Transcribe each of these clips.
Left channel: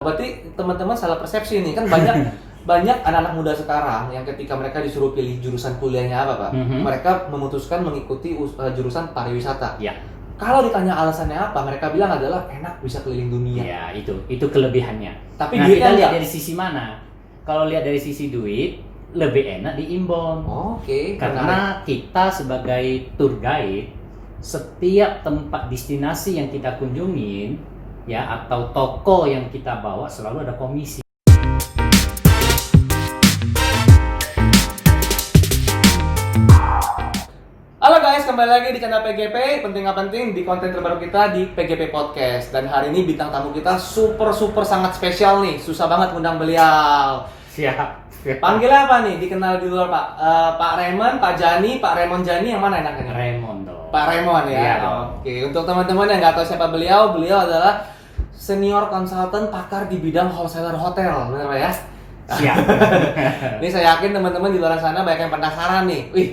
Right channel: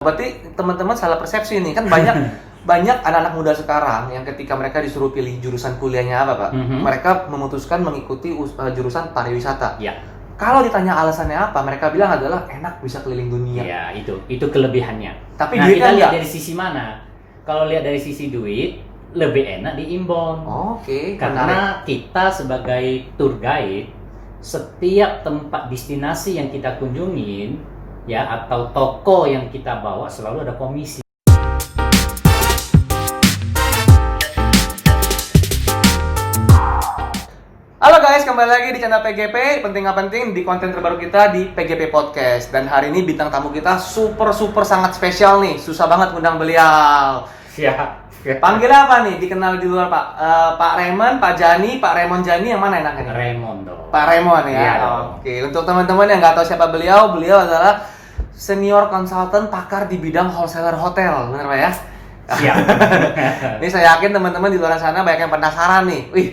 Berarti teman-teman salah persepsi nih, kan banyak banyak anak-anak muda sekarang yang ketika mereka disuruh pilih jurusan kuliahnya apa, Pak? Mereka memutuskan mengikuti jurusan pariwisata. Ya. Kalau ditanya alasannya apa, mereka bilang adalah enak, bisa keliling dunia. Ya, itu kelebihannya. Tapi nah, duitnya kita lihat enggak. dari sisi mana? Kalau lihat dari sisi duit, lebih enak di inbound. Oke. Karena kita sebagai tour guide, setiap tempat destinasi yang kita kunjungin, ya, atau toko yang kita bawa selalu ada komisi. Halo guys, kembali lagi di channel PGP. Penting nggak penting di konten terbaru kita di PGP Podcast. Dan hari ini bintang tamu kita super sangat spesial nih. Susah banget ngundang beliau. Siap. Panggil apa nih? Dikenal di luar Pak? Pak Raymond, Pak Jani, Pak Raymond Jani, yang mana enaknya? Raymond dong. Pak Raymond ya. Iya dong. Oke, untuk teman-teman yang nggak tahu siapa beliau adalah senior konsultan pakar di bidang wholesaler hotel, benar Pak ya? Siap. Ini saya yakin teman-teman di luar sana banyak yang penasaran nih. Wih,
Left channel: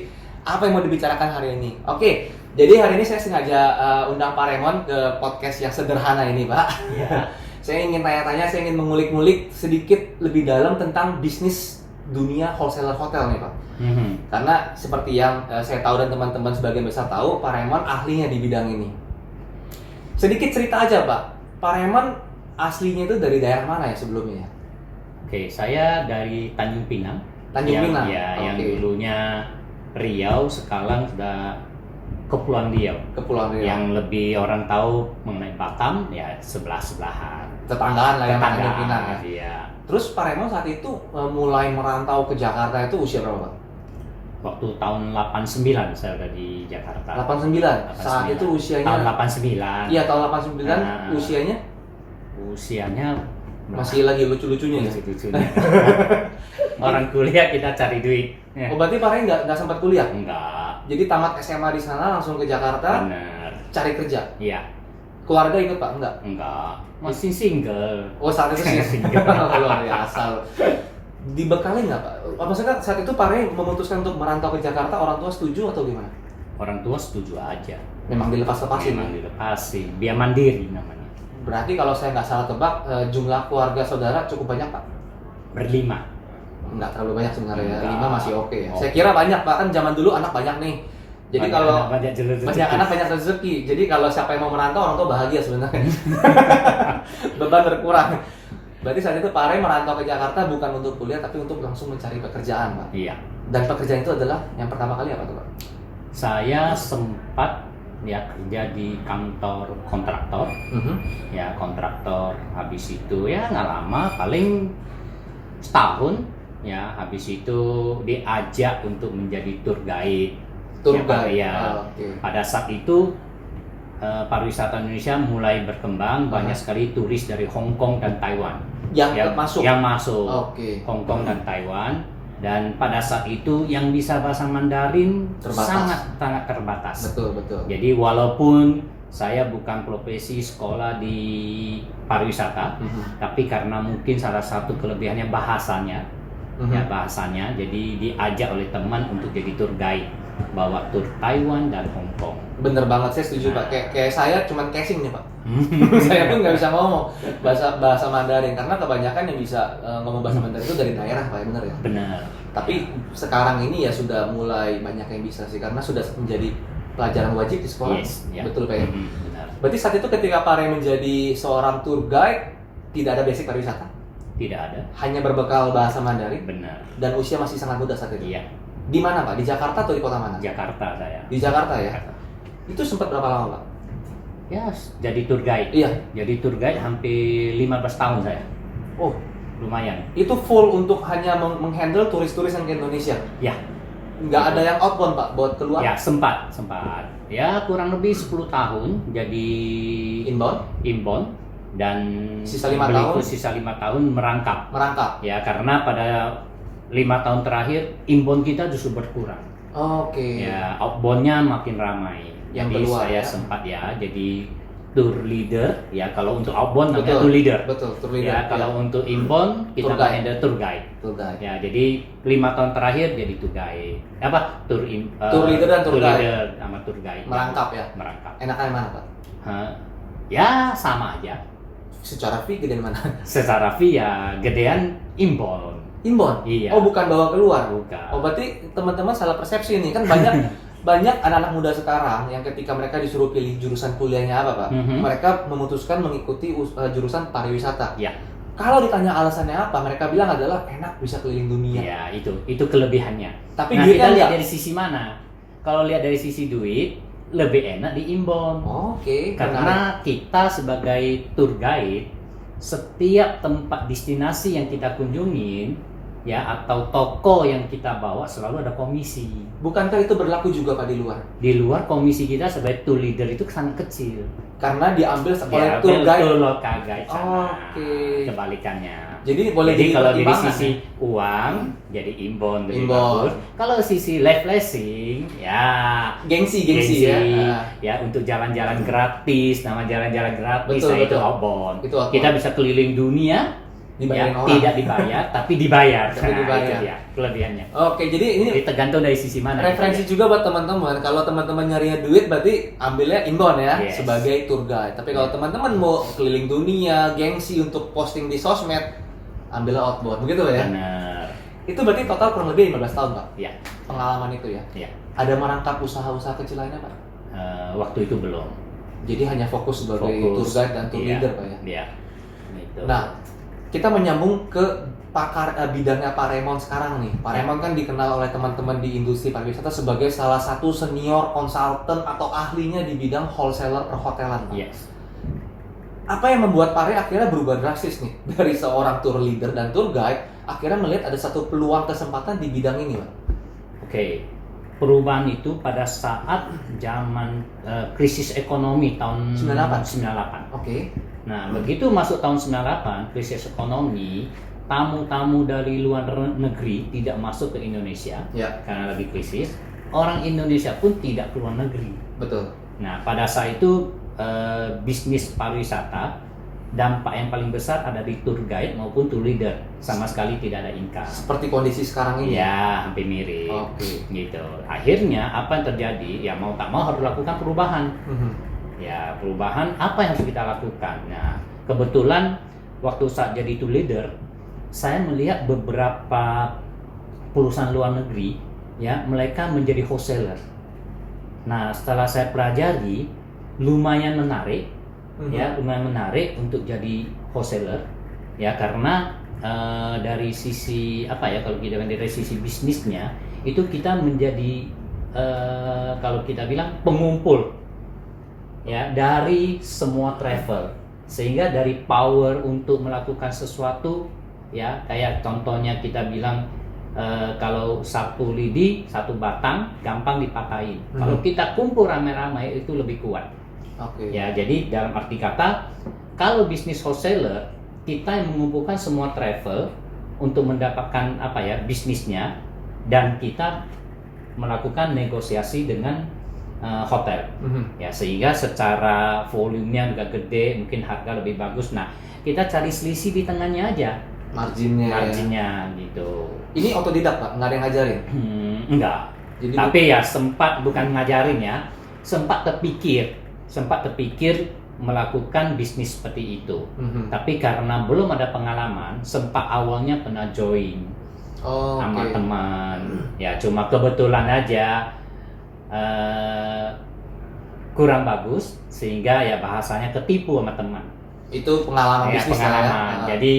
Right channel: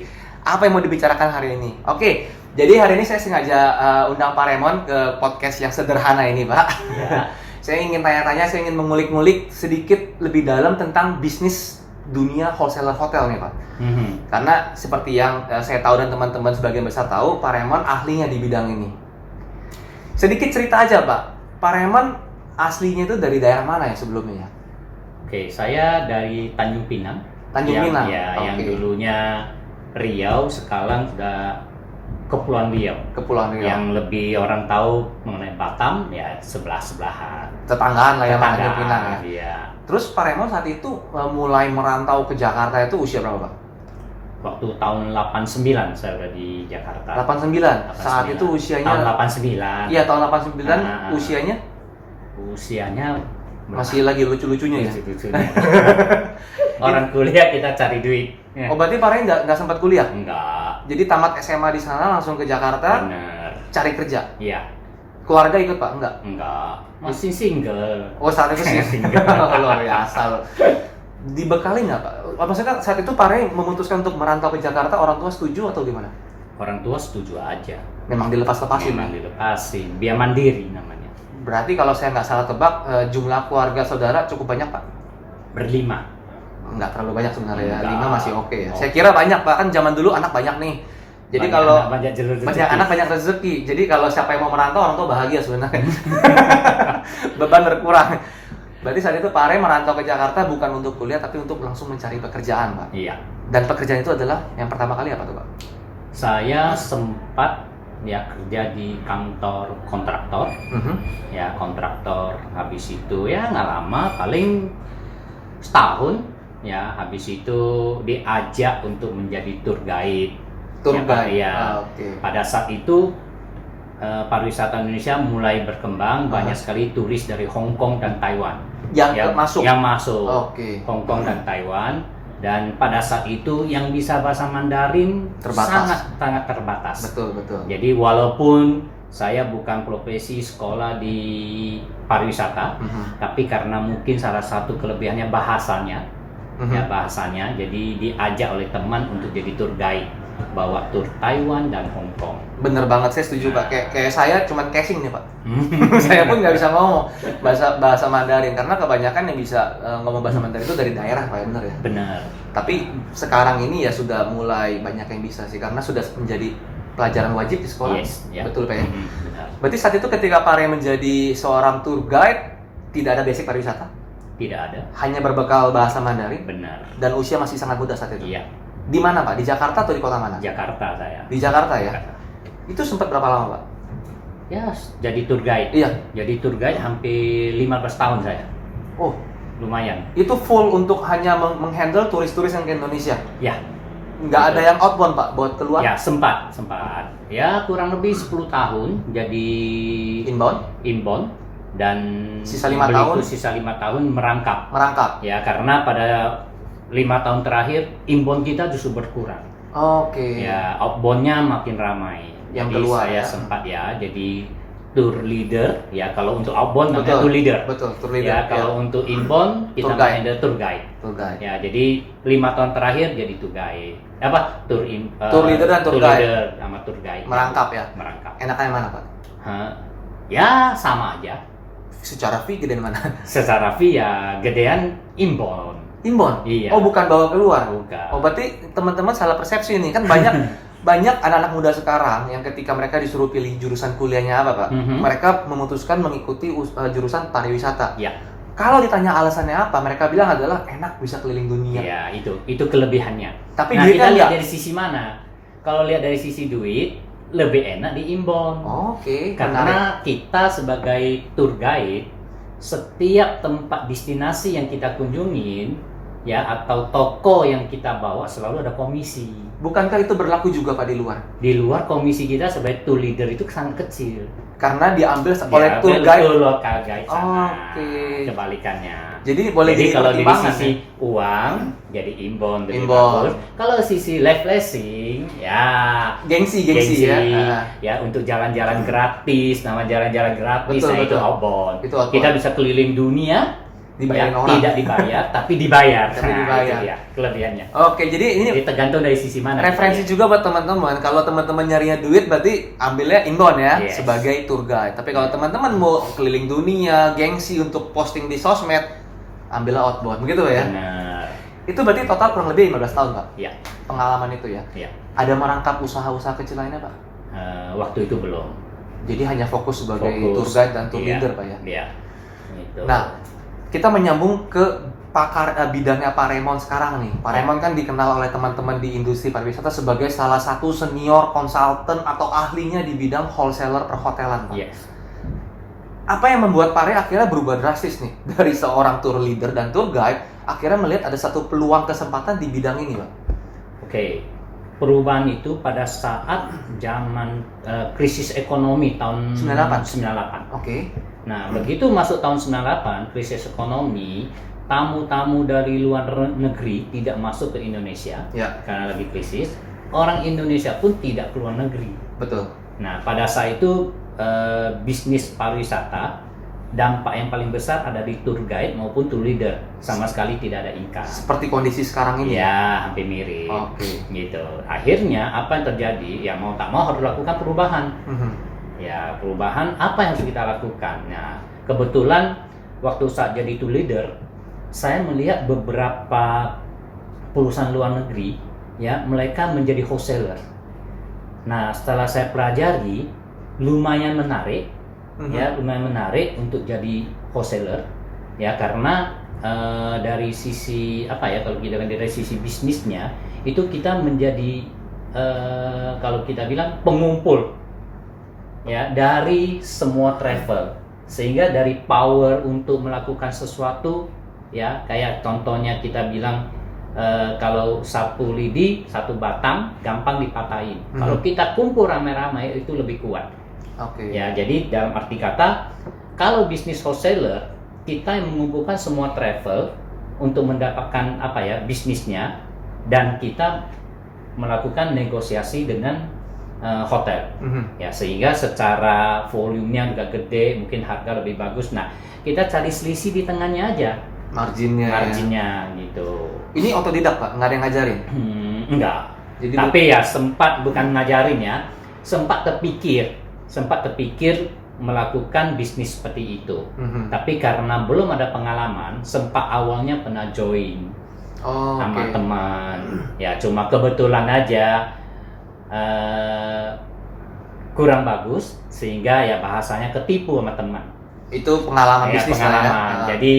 apa yang mau dibicarakan hari ini? Oke, jadi hari ini saya sengaja undang Pak Raymond ke podcast yang sederhana ini, Pak. Ya. Saya ingin tanya-tanya, saya ingin mengulik-ngulik sedikit lebih dalam tentang bisnis dunia wholesaler hotel nih, Pak. Karena seperti yang saya tahu dan teman-teman sebagian besar tahu, Pak Raymond ahlinya di bidang ini. Sedikit cerita aja, Pak. Pak Raymond aslinya itu dari daerah mana ya sebelumnya? Oke, saya dari Tanjung Pinang. Tanjung Pinang? Ya, Oke. yang dulunya Riau, sekarang sudah Kepulauan Riau. Kepulauan Riau. Yang lebih orang tahu mengenai Batam, ya sebelah-sebelahan. Tetanggaan lah ya, Pak, Tanjung Pinang ya. Iya. Terus Pak Raymond saat itu mulai merantau ke Jakarta itu usia berapa, Pak? Waktu tahun 89 saya udah di Jakarta. 89? Saat itu usianya? Tahun 89. Iya, tahun 89. Usianya? Usianya Masih lagi lucu-lucunya ya? Lucu-lucunya. Orang kuliah kita cari duit. Oh, berarti Pak Raymond nggak sempat kuliah? Enggak. Jadi tamat SMA di sana langsung ke Jakarta, Bener. cari kerja? Iya. Keluarga ikut, Pak? Enggak. Masih single. Oh, saat itu sih single. Luar biasa. Dibekali nggak, Pak? Maksudnya saat itu Pak Ray memutuskan untuk merantau ke Jakarta, orang tua setuju atau gimana? Orang tua setuju aja. Memang dilepas-lepasin? Memang dilepasin. Biar mandiri namanya. Berarti kalau saya nggak salah tebak, jumlah keluarga saudara cukup banyak, Pak? Berlima. Nggak terlalu banyak sebenarnya ya, Enggak. 5 masih oke ya. Oke. Saya kira banyak, Pak, kan zaman dulu anak banyak nih. Jadi Banyak kalau anak, banyak jalur rezeki. banyak anak banyak rezeki. Jadi kalau siapa yang mau merantau, orang tua bahagia sebenarnya. Beban berkurang. Berarti saat itu Pak Ray merantau ke Jakarta bukan untuk kuliah tapi untuk langsung mencari pekerjaan, Pak. Iya. Dan pekerjaan itu adalah yang pertama kali apa tuh, Pak? Saya sempat ya kerja di kantor kontraktor. Ya, kontraktor. Habis itu ya nggak lama, paling setahun. Ya, habis itu diajak untuk menjadi tour guide. Tour Ya, guide. ya. Oke. Pada saat itu pariwisata Indonesia mulai berkembang, banyak sekali turis dari Hong Kong dan Taiwan Masuk. yang masuk. Oke. Hong Kong dan Taiwan. Dan pada saat itu yang bisa bahasa Mandarin Terbatas. sangat terbatas. Betul. Jadi walaupun saya bukan profesi sekolah di pariwisata, tapi karena mungkin salah satu kelebihannya bahasanya, jadi diajak oleh teman untuk jadi tour guide, bawa tour Taiwan dan Hong Kong. Bener banget, saya setuju, Pak. Kayak saya cuman casing nih, Pak. Saya pun nggak bisa ngomong bahasa Mandarin karena kebanyakan yang bisa ngomong bahasa Mandarin itu dari daerah, Pak, bener ya? Benar. Tapi sekarang ini ya sudah mulai banyak yang bisa sih karena sudah menjadi pelajaran wajib di sekolah. Yes, ya. Betul, Pak ya? Benar. Berarti saat itu ketika Pak Ray menjadi seorang tour guide tidak ada basic pariwisata, Tidak ada. hanya berbekal bahasa Mandarin Benar. dan usia masih sangat muda saat itu. Iya. Di mana, Pak? Di Jakarta atau di kota mana? Jakarta saya. Di Jakarta ya. Jakarta. Itu sempat berapa lama, Pak? Ya, jadi tour guide. Iya. Jadi tour guide hampir 15 tahun saya. Oh, Lumayan. itu full untuk hanya menghandle turis-turis yang ke Indonesia. Ya. Nggak ada yang outbound, Pak, buat keluar? Ya, sempat. Ya, kurang lebih 10 tahun jadi inbound dan Sisa 5 berikut tahun? sisa 5 tahun merangkap. Merangkap. Ya, karena pada 5 tahun terakhir inbound kita justru berkurang. Oke. Ya, outboundnya makin ramai. Yang Jadi keluar, saya ya. sempat ya jadi tour leader. Ya, kalau untuk outbound namanya Betul. tour leader. Betul, tour leader. Ya, kalau untuk inbound kita Tour guide. handle tour guide. Tour guide. Ya, jadi 5 tahun terakhir jadi tour guide. Tour leader dan tour guide. leader sama tour guide. Merangkap ya? Merangkap. Enakan yang mana, Pak? Ya, sama aja. Secara fee gedean mana? Secara fee ya gedean inbound. Inbound? Iya. Oh, bukan bawa keluar? Bukan. Oh, berarti teman-teman salah persepsi nih. Kan banyak banyak anak-anak muda sekarang yang ketika mereka disuruh pilih jurusan kuliahnya apa, Pak? Mereka memutuskan mengikuti jurusan pariwisata. Ya. Kalau ditanya alasannya apa, mereka bilang adalah enak bisa keliling dunia. Ya, itu kelebihannya. Tapi nah, kita lihat enggak. dari sisi mana? Kalau lihat dari sisi duit, lebih enak di inbound. Oke. Karena kita sebagai tour guide, setiap tempat destinasi yang kita kunjungin, ya atau toko yang kita bawa selalu ada komisi. Bukankah itu berlaku juga Pak di luar? Di luar komisi kita sebagai tour leader itu sangat kecil. Karena diambil oleh tour guide. Local guide sana. Oke. Kebalikannya. Jadi boleh jadi kalau dari pertimbangan, sisi uang jadi inbound lebih bagus. Kalau sisi live blessing ya gengsi ya untuk jalan-jalan gratis, nama jalan-jalan gratis. Betul, nah betul. itu outbound. Itu outbound. Kita bisa keliling dunia. Ya, tidak dibayar tapi dibayar. Itu dia kelebihannya. Oke, jadi ini tergantung dari sisi mana. Referensi juga buat teman-teman. Kalau teman-teman nyarinya duit berarti ambilnya inbound ya, yes, sebagai tour guide. Tapi kalau teman-teman mau keliling dunia, gengsi untuk posting di sosmed, ambillah outbound. Begitu ya? Benar. Itu berarti total kurang lebih 15 tahun, Pak? Iya. Pengalaman itu ya? Iya. Ada merangkap usaha-usaha kecil lainnya, Pak? Waktu itu belum. Jadi hanya fokus sebagai tour guide dan tour leader, Pak ya? Iya. Gitu. Nah, kita menyambung ke bidangnya Pak Raymond sekarang nih. Pak Raymond kan dikenal oleh teman-teman di industri pariwisata sebagai salah satu senior konsultan atau ahlinya di bidang wholesaler perhotelan. Yes. Apa yang membuat Pak Ray akhirnya berubah drastis nih dari seorang tour leader dan tour guide akhirnya melihat ada satu peluang kesempatan di bidang ini, Pak? Oke. Perubahan itu pada saat zaman krisis ekonomi tahun 98. Oke. Nah, begitu masuk tahun 98, krisis ekonomi, tamu-tamu dari luar negeri tidak masuk ke Indonesia karena lagi krisis. Orang Indonesia pun tidak keluar negeri. Betul. Nah, pada saat itu bisnis pariwisata, dampak yang paling besar ada di tour guide maupun tour leader. Sama sekali tidak ada income. Seperti kondisi sekarang ini? Ya, hampir mirip. Gitu. Akhirnya, apa yang terjadi? Ya mau tak mau harus lakukan perubahan. Ya, perubahan apa yang harus kita lakukan? Nah, kebetulan waktu saat jadi tour leader, saya melihat beberapa perusahaan luar negeri, ya, mereka menjadi wholesaler. Nah, setelah saya pelajari, lumayan menarik, ya, lumayan menarik untuk jadi wholesaler, ya, karena dari sisi apa ya, kalau kita dari sisi bisnisnya, itu kita menjadi kalau kita bilang pengumpul. Ya, dari semua travel, sehingga dari power untuk melakukan sesuatu, ya kayak contohnya kita bilang kalau satu lidi, satu batang gampang dipatahin. Kalau kita kumpul ramai-ramai itu lebih kuat. Ya, jadi dalam arti kata, kalau bisnis wholesaler kita yang mengumpulkan semua travel untuk mendapatkan apa ya bisnisnya, dan kita melakukan negosiasi dengan hotel, ya sehingga secara volumenya juga gede, mungkin harga lebih bagus. Nah, kita cari selisih di tengahnya aja, marginnya ya. Gitu. Ini otodidak, Pak? Nggak ada yang ngajarin? Enggak. Jadi, tapi ya sempat, bukan ngajarin ya, sempat terpikir melakukan bisnis seperti itu. Tapi karena belum ada pengalaman, sempat awalnya pernah join sama teman. Ya cuma kebetulan aja kurang bagus, sehingga ya bahasanya ketipu sama teman. Itu pengalaman ya, bisnis pengalaman. Jadi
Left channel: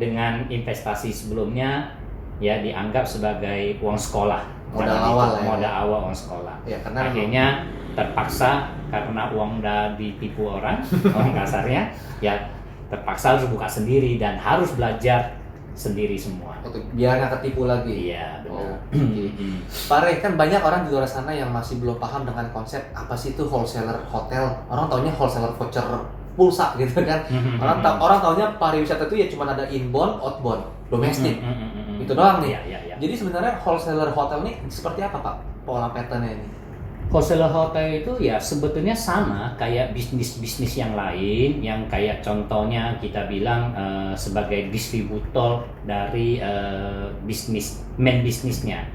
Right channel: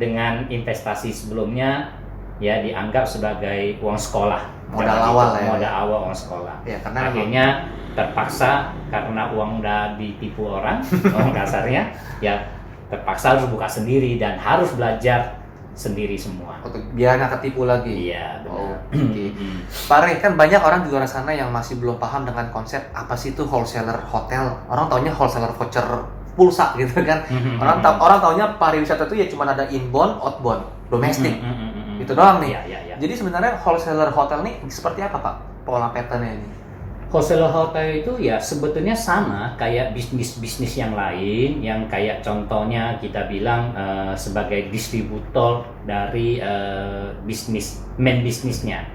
dengan investasi sebelumnya ya dianggap sebagai uang sekolah, modal awal uang sekolah. Ya, akhirnya terpaksa karena uang udah ditipu orang, orang kasarnya, ya terpaksa harus buka sendiri dan harus belajar sendiri semua. Biar nggak ketipu lagi. Iya, benar. Pak Ray, kan banyak orang di luar sana yang masih belum paham dengan konsep apa sih itu wholesaler hotel. Orang taunya wholesaler voucher pulsa gitu kan. Orang taunya pariwisata itu ya cuma ada inbound, outbound, domestik. Itu doang nih. Iya. Jadi sebenarnya wholesaler hotel nih seperti apa, Pak? Pola pattern-nya ini? Wholesaler hotel itu ya sebetulnya sama kayak bisnis-bisnis yang lain, yang kayak contohnya kita bilang sebagai distributor dari main bisnisnya.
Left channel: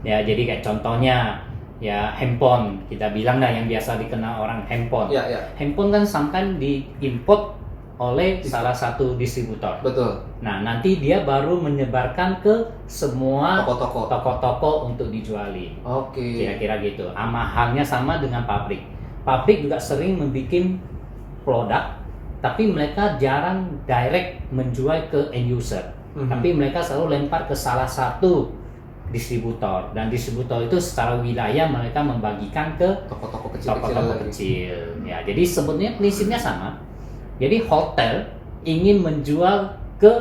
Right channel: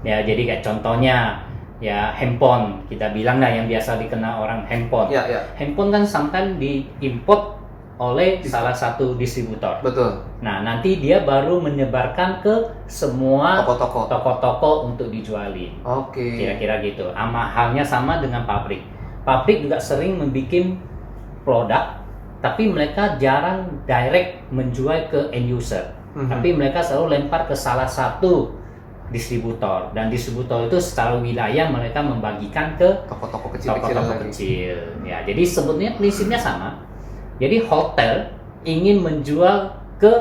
Ya, jadi kayak contohnya ya handphone, kita bilang yang biasa dikenal orang handphone. Handphone kan sometimes diimport oleh salah satu distributor. Betul. Nah, nanti dia baru menyebarkan ke semua Toko-toko. toko-toko untuk dijualin. Oke. Kira-kira gitu. Halnya sama dengan pabrik. Pabrik juga sering membuat produk, tapi mereka jarang direct menjual ke end user. Tapi mereka selalu lempar ke salah satu distributor, dan distributor itu secara wilayah mereka membagikan ke Toko-toko toko-toko kecil. Ya, jadi sebetulnya prinsipnya sama. Jadi hotel ingin menjual ke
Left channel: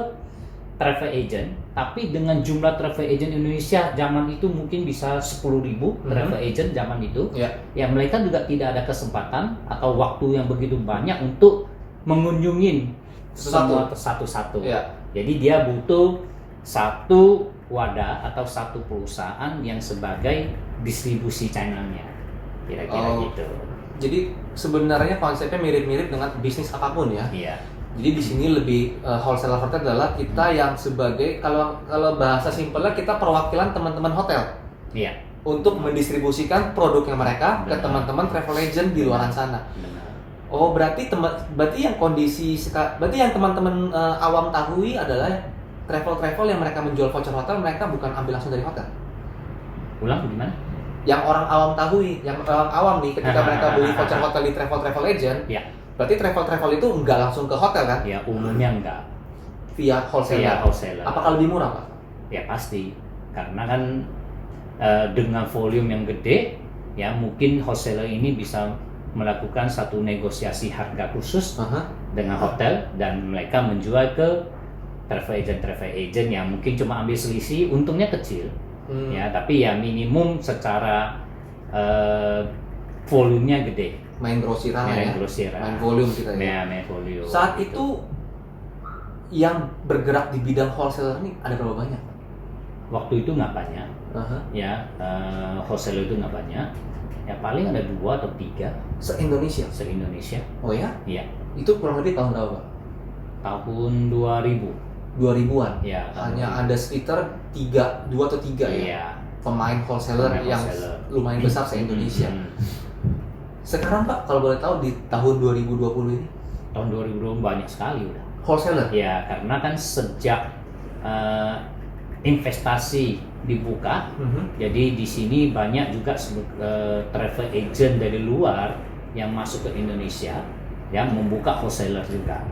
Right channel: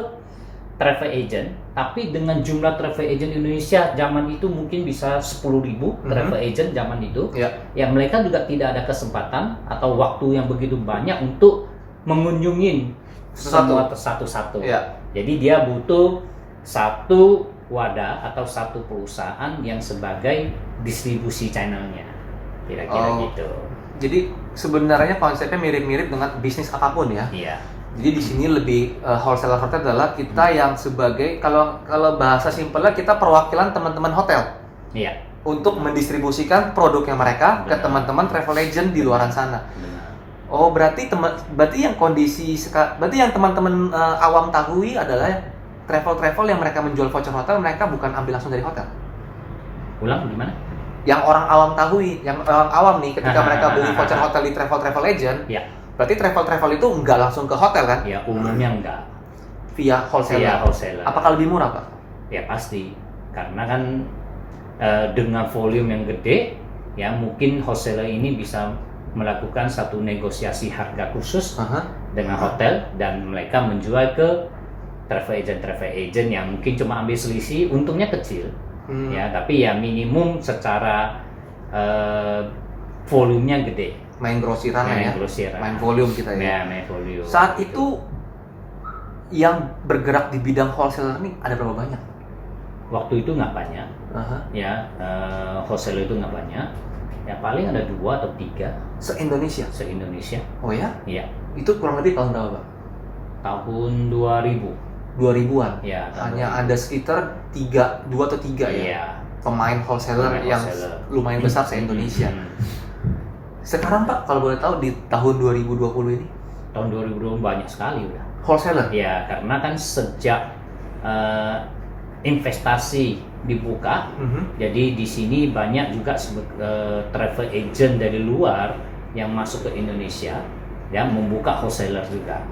travel agent, tapi dengan jumlah travel agent Indonesia zaman itu mungkin bisa 10.000 travel agent zaman itu. Ya mereka juga tidak ada kesempatan atau waktu yang begitu banyak untuk mengunjungin semua satu-satu. Jadi dia butuh satu wadah atau satu perusahaan yang sebagai distribusi channelnya, kira-kira gitu. Jadi sebenarnya konsepnya mirip-mirip dengan bisnis apapun ya. Iya. Jadi di sini lebih wholesaler hotel adalah kita yang sebagai kalau bahasa simpelnya kita perwakilan teman-teman hotel. Iya. Untuk mendistribusikan produknya mereka ke teman-teman travel agent di luaran sana. Benar. Oh, berarti yang teman-teman awam tahui adalah travel yang mereka menjual voucher hotel, mereka bukan ambil langsung dari hotel. Ulang gimana? Yang orang awam tahui, yang orang awam nih ketika mereka beli voucher hotel di travel agent, ya. Berarti travel itu nggak langsung ke hotel kan? Ya, umumnya enggak. Via wholesaler. Apakah lebih murah, Pak? Ya pasti, karena kan dengan volume yang gede, ya mungkin wholesaler ini bisa melakukan satu negosiasi harga khusus dengan hotel, dan mereka menjual ke travel agent yang mungkin cuma ambil selisih, untungnya kecil, ya, tapi ya minimum secara volumenya gede. Main grosiran ya. Main volume kita ya. Main volume. Saat itu yang bergerak di bidang wholesaler ini ada berapa banyak? Waktu itu nggak banyak. Ya, wholesaler itu nggak banyak. Ya paling ada 2 atau 3 se-Indonesia. Oh ya? Iya. Itu kurang lebih tahun berapa, Pak? Tahun 2000. 2000-an. Ya, hanya 2000. Ada sekitar 2 atau 3 ya. Pemain wholesaler yang lumayan besar se-Indonesia. Sekarang Pak, kalau boleh tahu di tahun 2020 ini? Tahun 2020 banyak sekali udah. Wholesaler? Ya, karena kan sejak investasi dibuka, jadi di sini banyak juga travel agent dari luar yang masuk ke Indonesia, yang membuka wholesaler juga.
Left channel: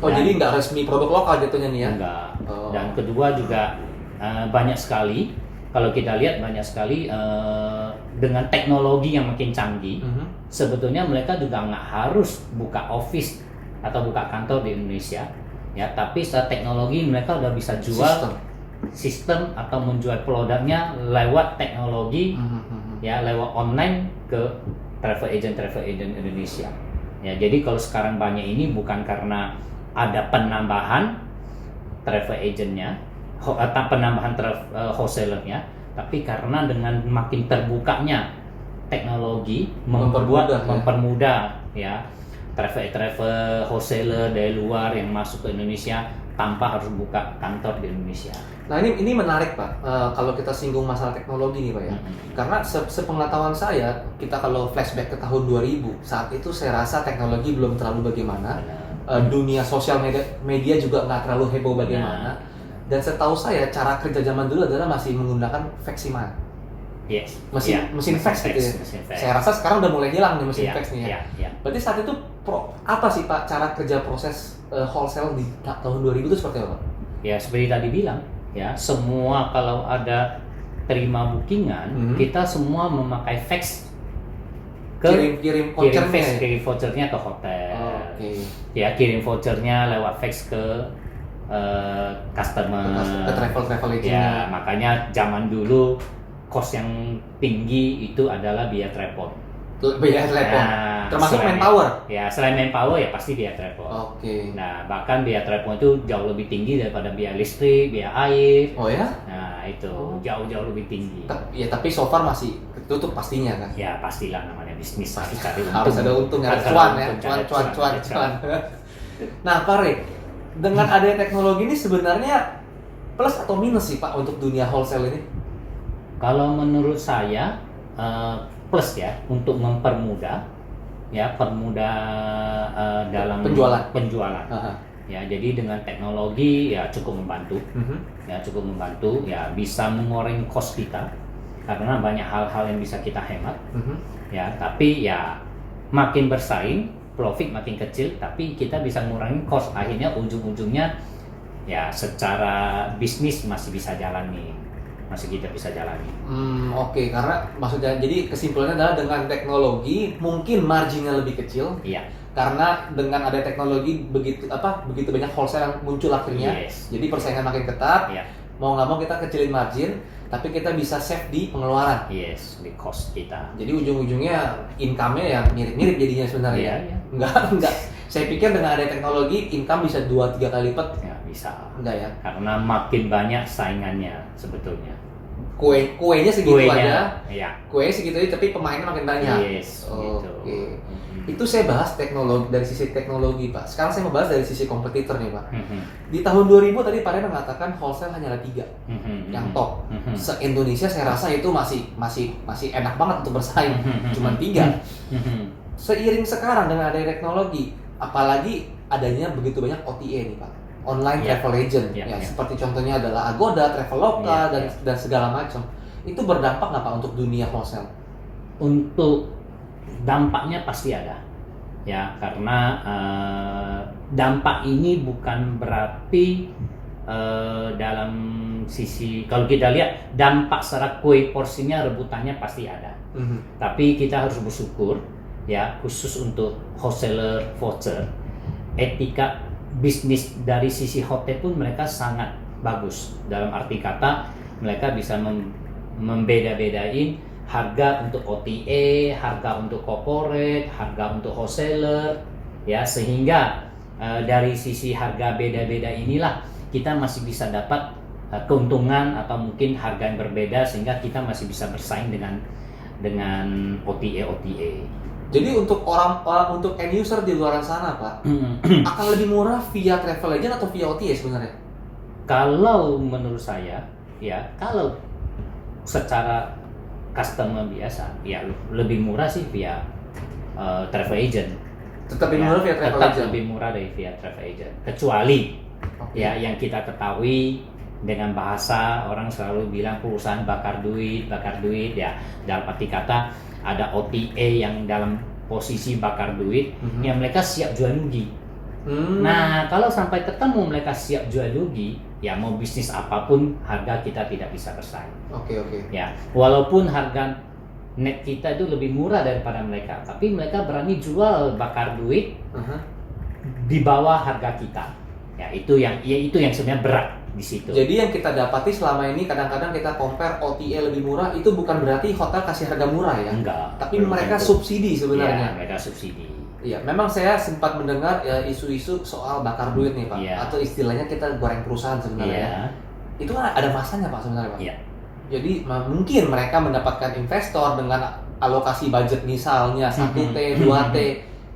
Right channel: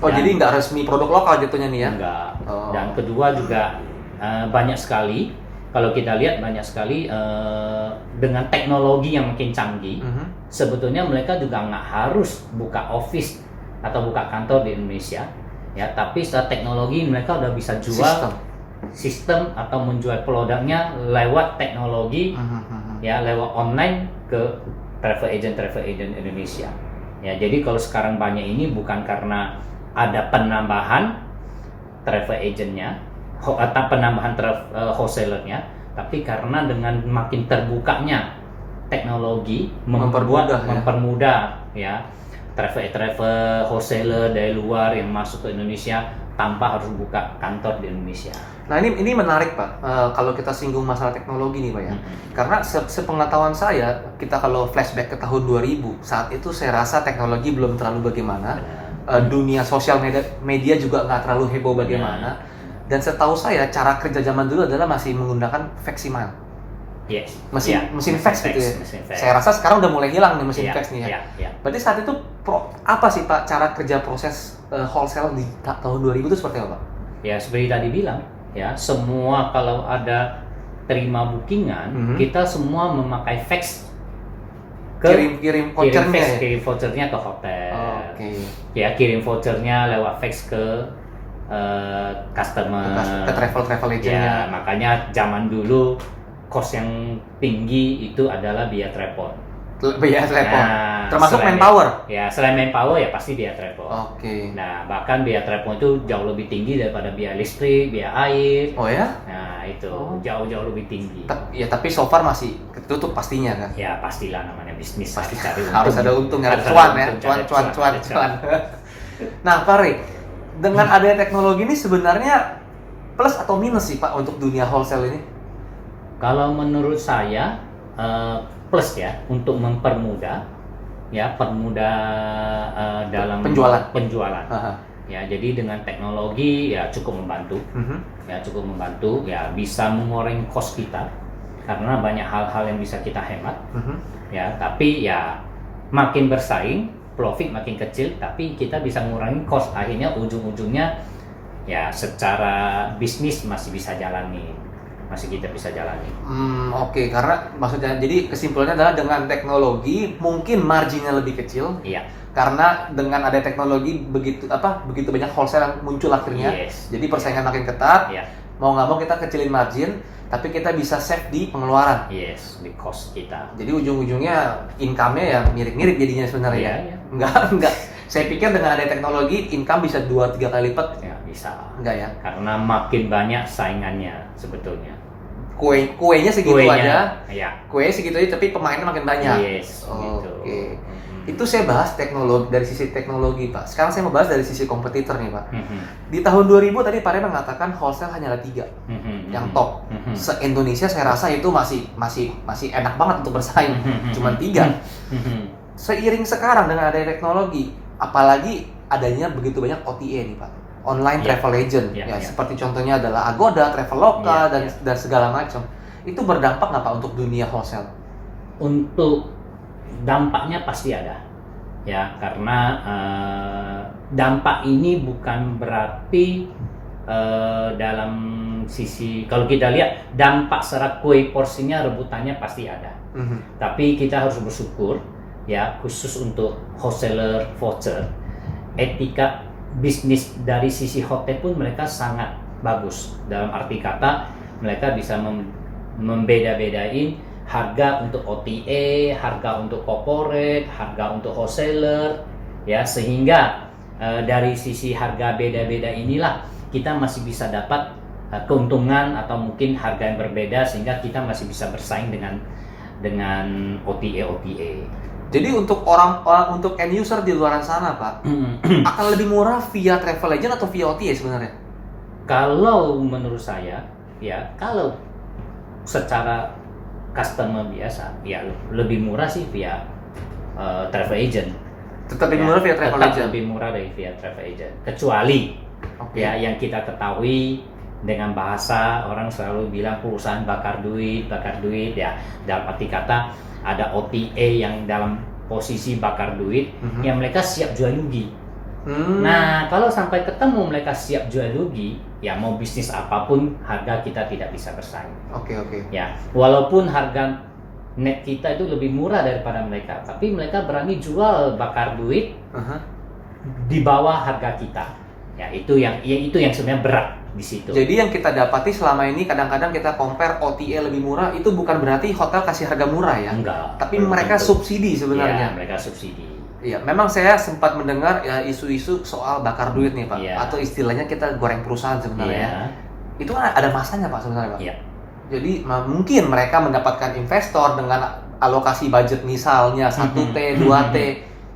Oh, jadi nggak resmi produk lokal jatuhnya nih ya? Enggak. Dan kedua juga banyak sekali, kalau kita lihat banyak sekali dengan teknologi yang makin canggih, sebetulnya mereka juga nggak harus buka office atau buka kantor di Indonesia, ya. Tapi secara teknologi mereka udah bisa jual sistem atau menjual produknya lewat teknologi, ya, lewat online ke travel agent Indonesia. Ya, jadi kalau sekarang banyak ini bukan karena ada penambahan travel agentnya atau penambahan wholesalernya, tapi karena dengan makin terbukanya teknologi mempermudah ya travel wholesaler dari luar yang masuk ke Indonesia tanpa harus buka kantor di Indonesia. Nah ini menarik Pak, kalau kita singgung masalah teknologi nih Pak ya, karena sepengetahuan saya, kita kalau flashback ke tahun 2000, saat itu saya rasa teknologi belum terlalu bagaimana, dunia sosial media juga nggak terlalu heboh bagaimana, dan setahu saya cara kerja zaman dulu adalah masih menggunakan fax email. Yes. Mesin fax gitu ya. Saya rasa sekarang udah mulai hilang nih mesin fax nih ya. Berarti saat itu apa sih Pak cara kerja proses wholesale di tahun 2000 itu seperti apa Pak? Ya seperti tadi bilang, ya semua kalau ada terima bookingan, kita semua memakai fax ke kirim vouchernya ke hotel. Ya kirim vouchernya lewat fax ke customer, ke travel agent. Ya makanya zaman dulu cost yang tinggi itu adalah biaya telepon. Termasuk manpower. Ya selain manpower ya pasti biaya telepon. Nah bahkan biaya telepon itu jauh lebih tinggi daripada biaya listrik, biaya air. Oh ya? Nah itu jauh lebih tinggi. Ya tapi so far masih ketutup pastinya kan? Ya pastilah, namanya bisnis pasti cari untung. Harus ada untung, ada cuan. Nah Pak Rik, dengan adanya teknologi ini sebenarnya plus atau minus sih Pak untuk dunia wholesale ini? Kalau menurut saya plus ya, untuk mempermudah. ya permudah dalam penjualan. Ya, jadi dengan teknologi ya cukup membantu. Ya bisa mengurangi cost kita karena banyak hal-hal yang bisa kita hemat. Ya, tapi ya makin bersaing, profit makin kecil, tapi kita bisa mengurangi cost. Akhirnya ujung-ujungnya ya secara bisnis masih kita bisa jalani. Oke. Karena maksudnya jadi kesimpulannya adalah dengan teknologi mungkin marginnya lebih kecil. Iya. Karena dengan ada teknologi begitu banyak wholesale yang muncul akhirnya. Jadi persaingan makin ketat. Mau nggak mau kita kecilin margin, tapi kita bisa save di pengeluaran. Di cost kita. Jadi ujung-ujungnya income-nya ya mirip-mirip jadinya sebenarnya. Iya. Enggak. Saya pikir dengan ada teknologi income bisa 2-3 kali lipat. Ya, bisa. Enggak ya? Karena makin banyak saingannya sebetulnya. Kuenya segitu aja. Ya. Kuenya segitu aja tapi pemainnya makin banyak. Gitu. Oke. Itu saya bahas teknologi dari sisi teknologi, Pak. Sekarang saya mau bahas dari sisi kompetitor nih, Pak. Di tahun 2000 tadi Pak Reno mengatakan wholesale hanya ada 3 yang top. Se-Indonesia saya rasa itu masih enak banget untuk bersaing. Cuma 3. Seiring sekarang dengan adanya teknologi, apalagi adanya begitu banyak OTA nih, Pak. Online travel agent. Seperti contohnya adalah Agoda, Traveloka dan segala macam. Itu berdampak nggak Pak untuk dunia wholesale? Untuk dampaknya pasti ada, ya, karena dampak ini bukan berarti dalam sisi, kalau kita lihat dampak secara kue porsinya rebutannya pasti ada. Tapi kita harus bersyukur, ya, khusus untuk wholesaler voucher, etika bisnis dari sisi hotel pun mereka sangat bagus. Dalam arti kata mereka bisa membeda-bedain harga untuk OTA, harga untuk corporate, harga untuk wholesaler, ya, sehingga dari sisi harga beda-beda inilah kita masih bisa dapat keuntungan atau mungkin harga yang berbeda sehingga kita masih bisa bersaing dengan OTA. Jadi untuk untuk end user di luar sana, Pak, akan lebih murah via travel agent atau via OTA sebenarnya? Kalau menurut saya, ya, kalau secara customer biasa, ya lebih murah sih via travel agent. Tetap lebih murah via travel agent. Lebih murah dari via travel agent. Kecuali ya yang kita ketahui dengan bahasa orang selalu bilang perusahaan bakar duit ya. Dalam arti kata ada OTA yang dalam posisi bakar duit, yang mereka siap jual rugi. Nah, kalau sampai ketemu mereka siap jual rugi, ya mau bisnis apapun harga kita tidak bisa bersaing. Oke. Ya, walaupun harga net kita itu lebih murah daripada mereka, tapi mereka berani jual bakar duit di bawah harga kita. Ya, itu yang sebenarnya berat di situ. Jadi yang kita dapati selama ini kadang-kadang kita compare OTA lebih murah, itu bukan berarti hotel kasih harga murah ya. Enggak. Tapi mereka subsidi sebenarnya. Ya, mereka subsidi. Iya, memang saya sempat mendengar isu-isu soal bakar duit nih, Pak. Atau istilahnya kita goreng perusahaan sebenarnya. Itu kan ada masanya, Pak, sebenarnya, Pak. Iya. Jadi mungkin mereka mendapatkan investor dengan alokasi budget misalnya 1T, 2T.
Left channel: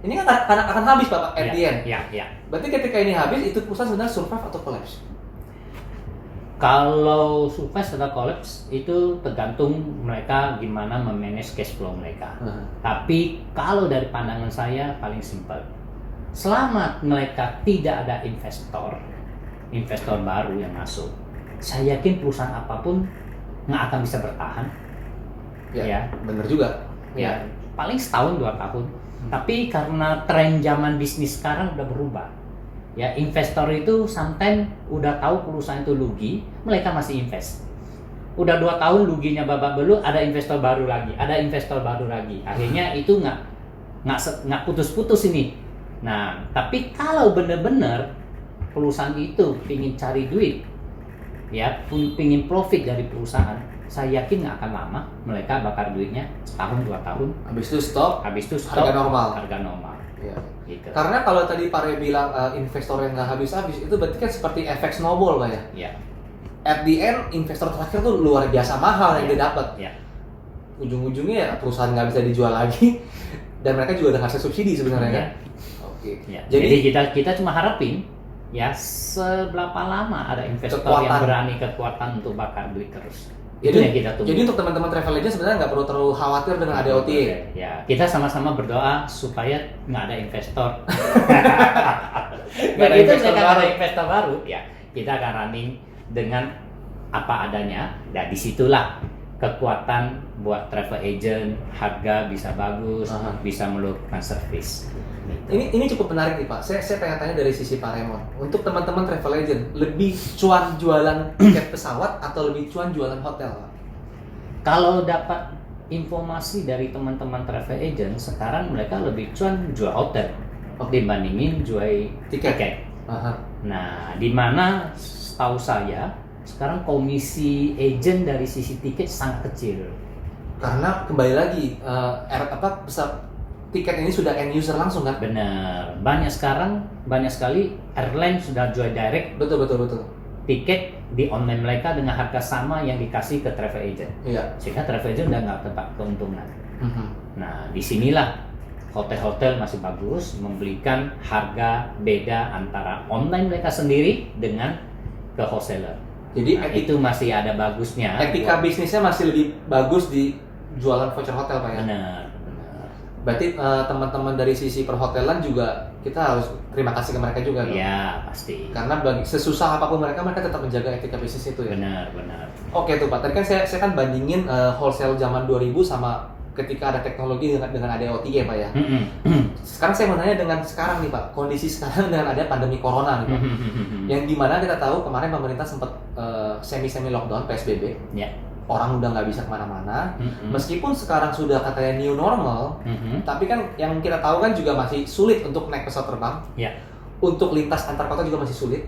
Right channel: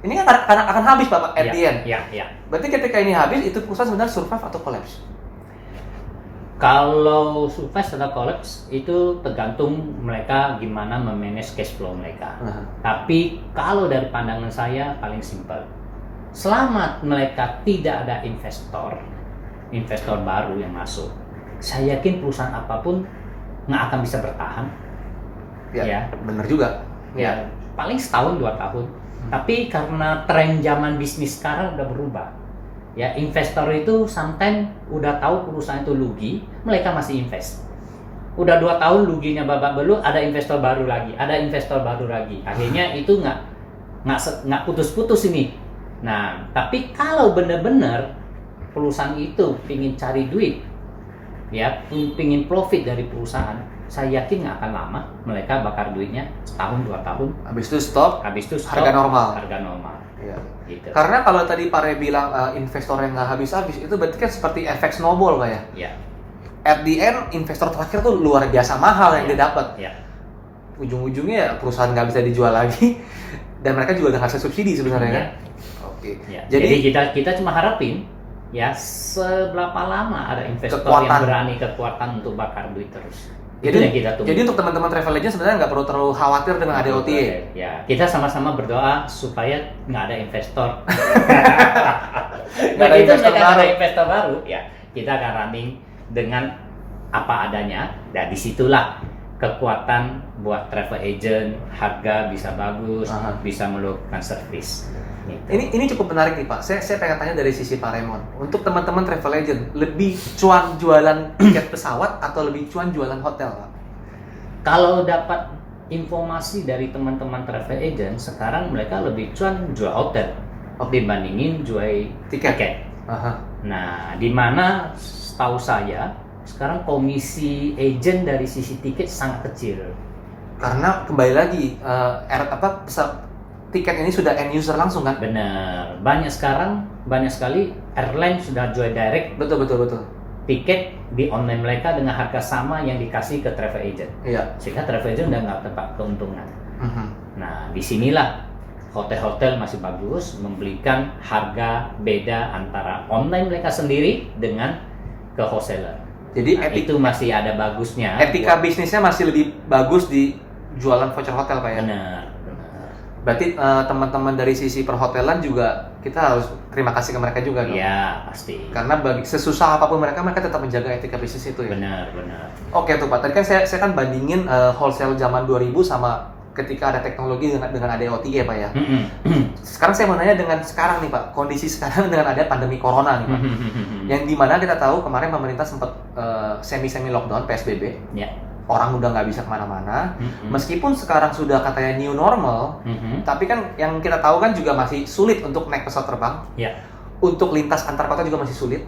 Ini kan akan habis, Pak, at the end. Iya. Berarti ketika ini habis, itu perusahaan sebenarnya survive atau collapse? Kalau survive atau collapse itu tergantung mereka gimana memanage cash flow mereka. Tapi kalau dari pandangan saya paling simpel, selama mereka tidak ada investor baru yang masuk, saya yakin perusahaan apapun nggak akan bisa bertahan. Ya, benar juga. Ya, paling setahun 2 tahun. Tapi karena tren zaman bisnis sekarang udah berubah. Ya, investor itu sometimes udah tahu perusahaan itu rugi, mereka masih invest. Udah 2 tahun ruginya babak belur, ada investor baru lagi. Akhirnya itu nggak putus-putus ini. Nah, tapi kalau benar-benar perusahaan itu pingin cari duit, ya, pingin profit dari perusahaan, saya yakin nggak akan lama mereka bakar duitnya setahun 2 tahun. Habis itu stop. Harga normal. Iya. Gitu. Karena kalau tadi Pak Re bilang investor yang nggak habis-habis, itu berarti kan seperti efek snowball, Pak ya? Iya. At the end, investor terakhir tuh luar biasa mahal yang dia dapat. Iya. Ujung-ujungnya ya perusahaan nggak bisa dijual lagi, dan mereka juga udah ngasih subsidi sebenarnya kan? Oke. Ya. Jadi kita cuma harapin ya seberapa lama ada investor yang berani kekuatan untuk bakar duit terus. Itu yang kita tunggu. Jadi untuk teman-teman travel agent sebenarnya nggak perlu terlalu khawatir dengan ada OTA. Ya, kita sama-sama berdoa supaya nggak ada investor. Begitu mereka ada investor baru, ya kita akan running dengan apa adanya. Dan disitulah kekuatan buat travel agent, harga bisa bagus, bisa melakukan service. Gitu. Ini cukup menarik nih Pak. Saya pengen tanya dari sisi Pak Raymond. Untuk teman-teman travel agent, lebih cuan jualan tiket pesawat atau lebih cuan jualan hotel Pak? Kalau dapat informasi dari teman-teman travel agent, sekarang mereka lebih cuan jual hotel dibandingin jual tiket. Nah, di mana setahu saya sekarang komisi agent dari sisi tiket sangat kecil. Karena kembali lagi tiket ini sudah end user langsung kan? Bener. Banyak sekali airline sudah jual direct. Betul. Tiket di online mereka dengan harga sama yang dikasih ke travel agent. Iya. Sehingga travel agent udah nggak dapat keuntungan. Nah, disinilah hotel-hotel masih bagus memberikan harga beda antara online mereka sendiri dengan ke wholesaler. Jadi itu masih ada bagusnya. Etika bisnisnya masih lebih bagus di jualan voucher hotel Pak ya? Benar. Berarti teman-teman dari sisi perhotelan juga kita harus terima kasih ke mereka juga. Iya, pasti. Karena sesusah apapun mereka tetap menjaga etika bisnis itu ya. Benar. Oke tuh Pak. Tadi kan saya kan bandingin wholesale zaman 2000 sama ketika ada teknologi dengan ada OTA ya Pak ya. Sekarang saya mau nanya dengan sekarang nih Pak, kondisi sekarang dengan ada pandemi corona nih Pak. Yang dimana kita tahu kemarin pemerintah sempat semi lockdown PSBB. Ya. Orang udah nggak bisa kemana-mana, meskipun sekarang sudah katanya new normal, tapi kan yang kita tahu kan juga masih sulit untuk naik pesawat terbang, untuk lintas antar kota juga masih sulit.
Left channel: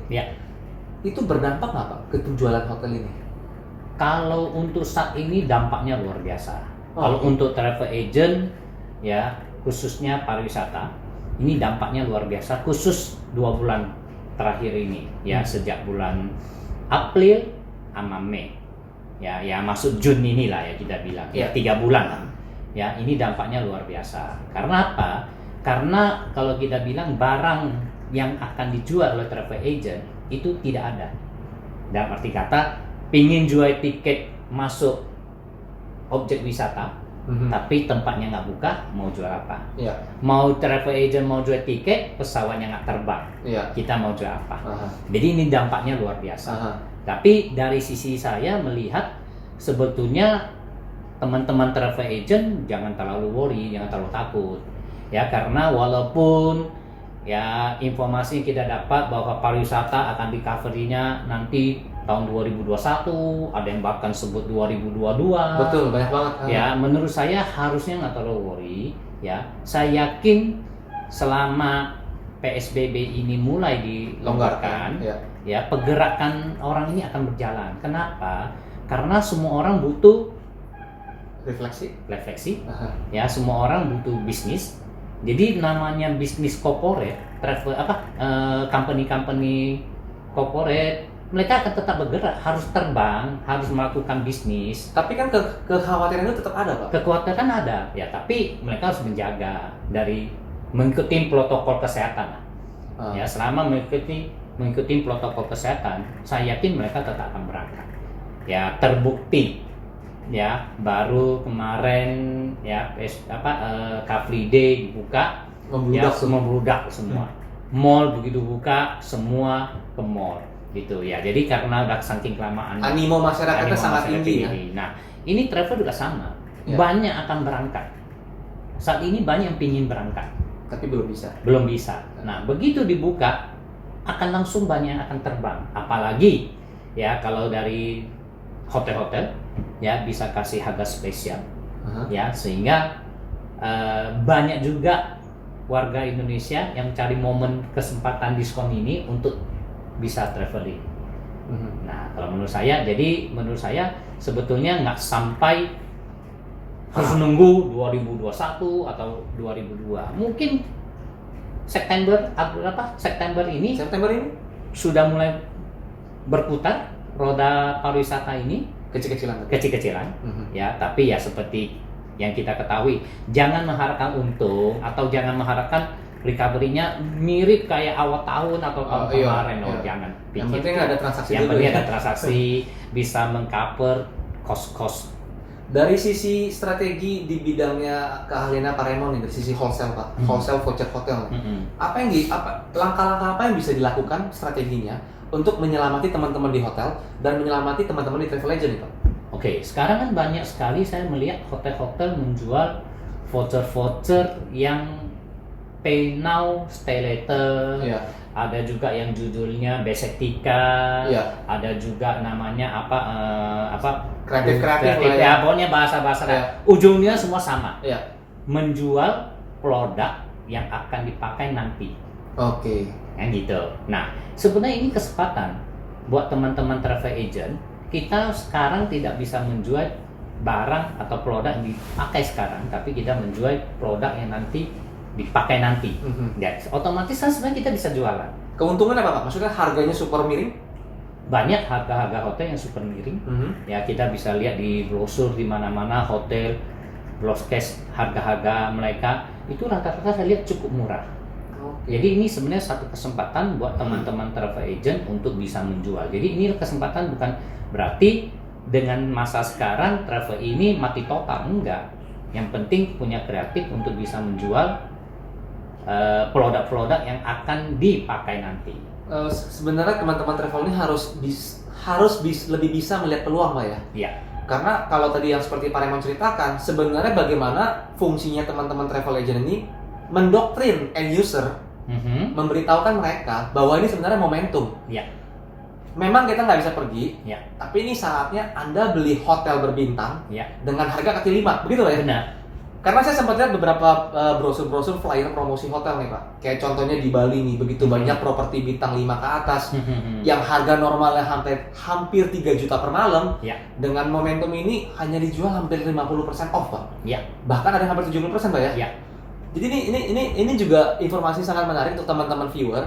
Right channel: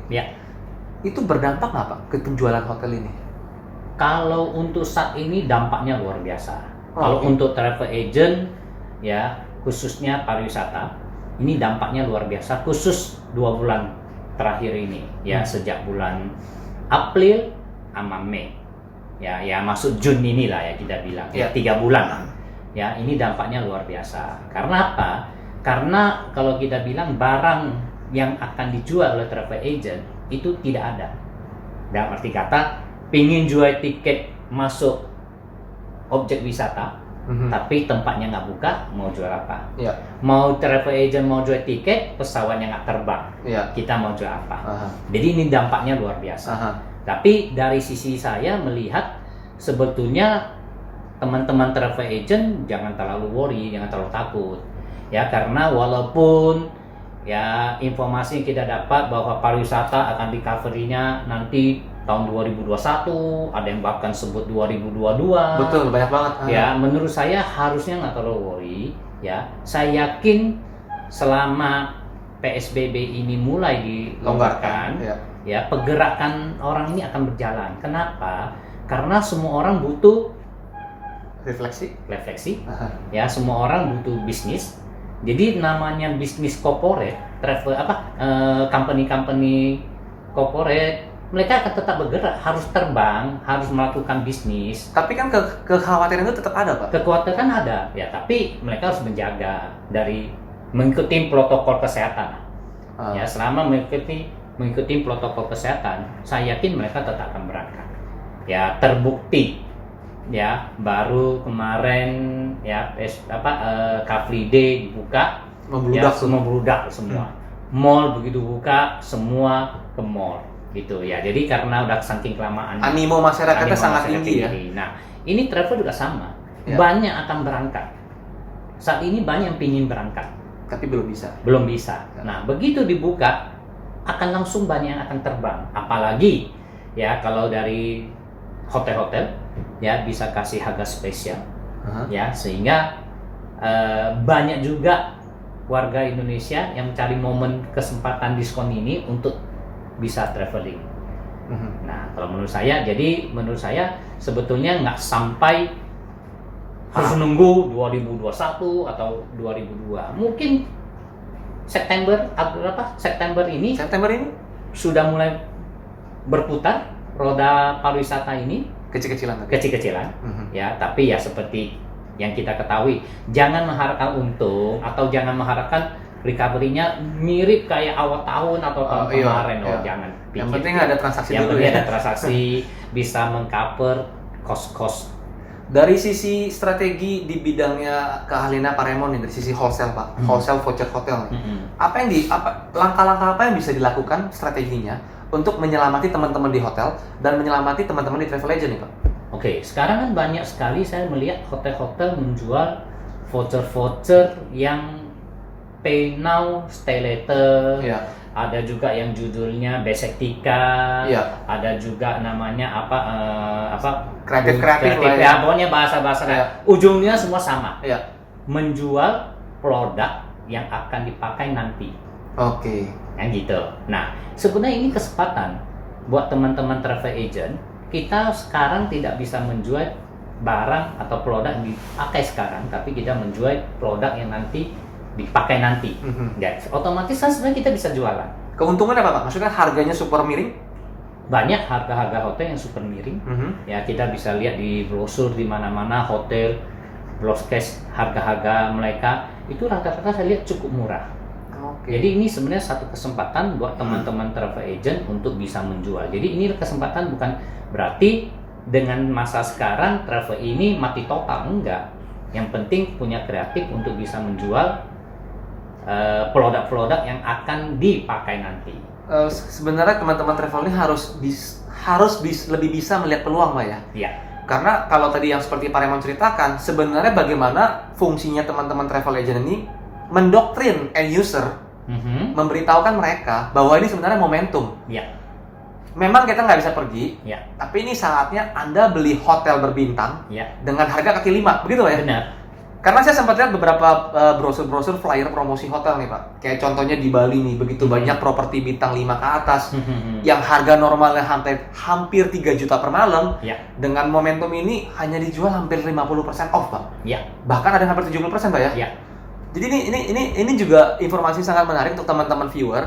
Itu berdampak nggak Pak ke penjualan hotel ini? Kalau untuk saat ini dampaknya luar biasa. Kalau untuk travel agent, ya khususnya pariwisata, ini dampaknya luar biasa. Khusus 2 bulan terakhir ini, ya sejak bulan April sama Mei. Ya masuk Juni inilah ya kita bilang, ya 3 bulan lah. Ya ini dampaknya luar biasa. Karena apa? Karena kalau kita bilang barang yang akan dijual oleh travel agent itu tidak ada. Dalam arti kata, pingin jual tiket masuk objek wisata, tapi tempatnya nggak buka, mau jual apa? Mau travel agent mau jual tiket, pesawatnya nggak terbang, kita mau jual apa? Jadi ini dampaknya luar biasa. Tapi dari sisi saya melihat sebetulnya teman-teman travel agent jangan terlalu worry, jangan terlalu takut. Ya karena walaupun ya informasi yang kita dapat bahwa pariwisata akan di-cover-nya nanti tahun 2021, ada yang bahkan sebut 2022. Betul, banyak banget. Ya, menurut saya harusnya nggak terlalu worry. Ya, saya yakin selama PSBB ini mulai dilonggarkan, ya pergerakan orang ini akan berjalan. Kenapa? Karena semua orang butuh refleksi. Ya, semua orang butuh bisnis. Jadi namanya bisnis corporate, travel company corporate, mereka akan tetap bergerak, harus terbang, harus melakukan bisnis. Tapi kan kekhawatiran itu tetap ada, Pak. Kekhawatiran ada, ya. Tapi mereka harus menjaga dari mengikuti protokol kesehatan. Ya, selama mengikuti protokol kesehatan, saya yakin mereka tetap akan berangkat. Ya, terbukti. Ya, baru kemarin ya Car Free Day dibuka, membludak semua. Mall begitu buka, semua ke mall. Gitu ya. Jadi karena udah saking kelamaan animo masyarakatnya sangat tinggi ya. Nah, ini travel juga sama. Banyak akan berangkat. Saat ini banyak yang pingin berangkat, tapi belum bisa. Nah, begitu dibuka akan langsung banyak yang akan terbang. Apalagi ya kalau dari hotel-hotel ya bisa kasih harga spesial. Ya, sehingga banyak juga warga Indonesia yang mencari momen kesempatan diskon ini untuk bisa traveling. Nah, kalau menurut saya sebetulnya nggak sampai harus nunggu 2021 atau 2002. Mungkin September ini sudah mulai berputar roda pariwisata ini kecil-kecilan. Ya, tapi ya seperti yang kita ketahui, jangan mengharapkan untung atau jangan mengharapkan recovery-nya mirip kayak awal tahun atau tahun kemarin. Jangan pikir. Yang penting ada transaksi yang penting ada transaksi bisa mengcover cost. Dari sisi strategi di bidangnya keahlian Pak Raymond dari sisi wholesale Pak, wholesale voucher hotel, langkah-langkah apa yang bisa dilakukan strateginya untuk menyelamati teman-teman di hotel dan menyelamati teman-teman di travel agent nih Pak? Oke, sekarang kan banyak sekali saya melihat hotel-hotel menjual voucher-voucher yang pay now, stay later. Iya. Ada juga yang judulnya besek tika, Iya. ada juga namanya Kreatif ya, pokoknya bahasa-bahasa Iya. ujungnya semua sama. Iya. Menjual produk yang akan dipakai nanti. Oke. Yang gitu. Nah, sebenarnya ini kesempatan buat teman-teman travel agent. Kita sekarang tidak bisa menjual barang atau produk yang dipakai sekarang, tapi kita menjual produk yang nanti dipakai nanti. Dan otomatis kan sebenarnya kita bisa jualan. Keuntungan apa Pak? Maksudnya harganya super miring? Banyak harga-harga hotel yang super miring. Ya, kita bisa lihat di brosur di mana-mana hotel broadcast harga-harga mereka itu rata-rata saya lihat cukup murah. Jadi ini sebenarnya satu kesempatan buat teman-teman travel agent untuk bisa menjual. Jadi ini kesempatan, bukan berarti dengan masa sekarang travel ini mati total, enggak. Yang penting punya kreatif untuk bisa menjual produk-produk yang akan dipakai nanti. Sebenarnya teman-teman travel ini harus lebih bisa melihat peluang Pak ya? Iya. Karena kalau tadi yang seperti Pak Raymond ceritakan, sebenarnya bagaimana fungsinya teman-teman travel agent ini mendoktrin end user, memberitahukan mereka bahwa ini sebenarnya momentum. Iya. Memang kita nggak bisa pergi, Ya. tapi ini saatnya Anda beli hotel berbintang Ya. dengan harga kaki 5, begitu ya? Benar. Karena saya sempat lihat beberapa brosur-brosur flyer promosi hotel nih Pak. Kayak contohnya di Bali nih, begitu banyak properti bintang 5 ke atas yang harga normalnya hampir 3 juta per malam. Ya. Dengan momentum ini hanya dijual hampir 50% off Pak. Ya. Bahkan ada yang hampir 70% Pak ya? Ya. Jadi ini juga informasi sangat menarik untuk teman-teman viewer.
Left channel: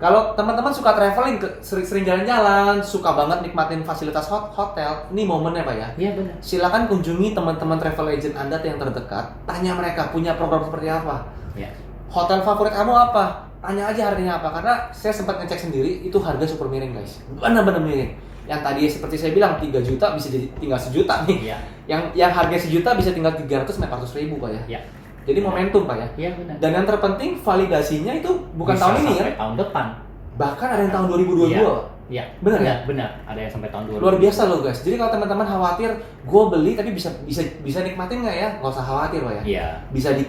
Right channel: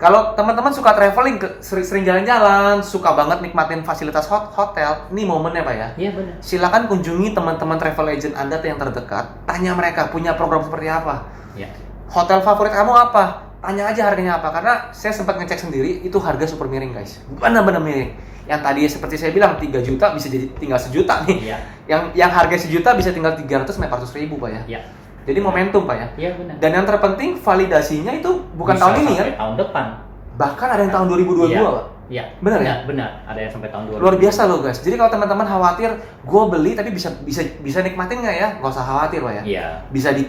Kalau teman-teman suka traveling, sering jalan-jalan, suka banget nikmatin fasilitas hotel, ini momennya Pak ya? Iya benar. Silakan kunjungi teman-teman travel agent Anda yang terdekat, tanya mereka punya program seperti apa. Ya. Hotel favorit kamu apa? Tanya aja harganya apa, karena saya sempat ngecek sendiri, itu harga super miring guys. Benar-benar miring. Yang tadi seperti saya bilang 3 juta bisa jadi tinggal sejuta nih. Iya. Yang harga sejuta bisa tinggal 300-400 ribu Pak ya? Iya. Jadi momentum Pak ya? Iya benar. Dan yang terpenting validasinya itu bukan bisa tahun ini sampai ya? tahun depan. Bahkan ada yang tahun 2022. Iya. Benar ya? Benar. Ada yang sampai tahun 2022. Luar biasa loh guys. Jadi kalau teman-teman khawatir, gue beli tapi bisa nikmatin nggak ya? Nggak usah khawatir Pak ya. Iya. Bisa di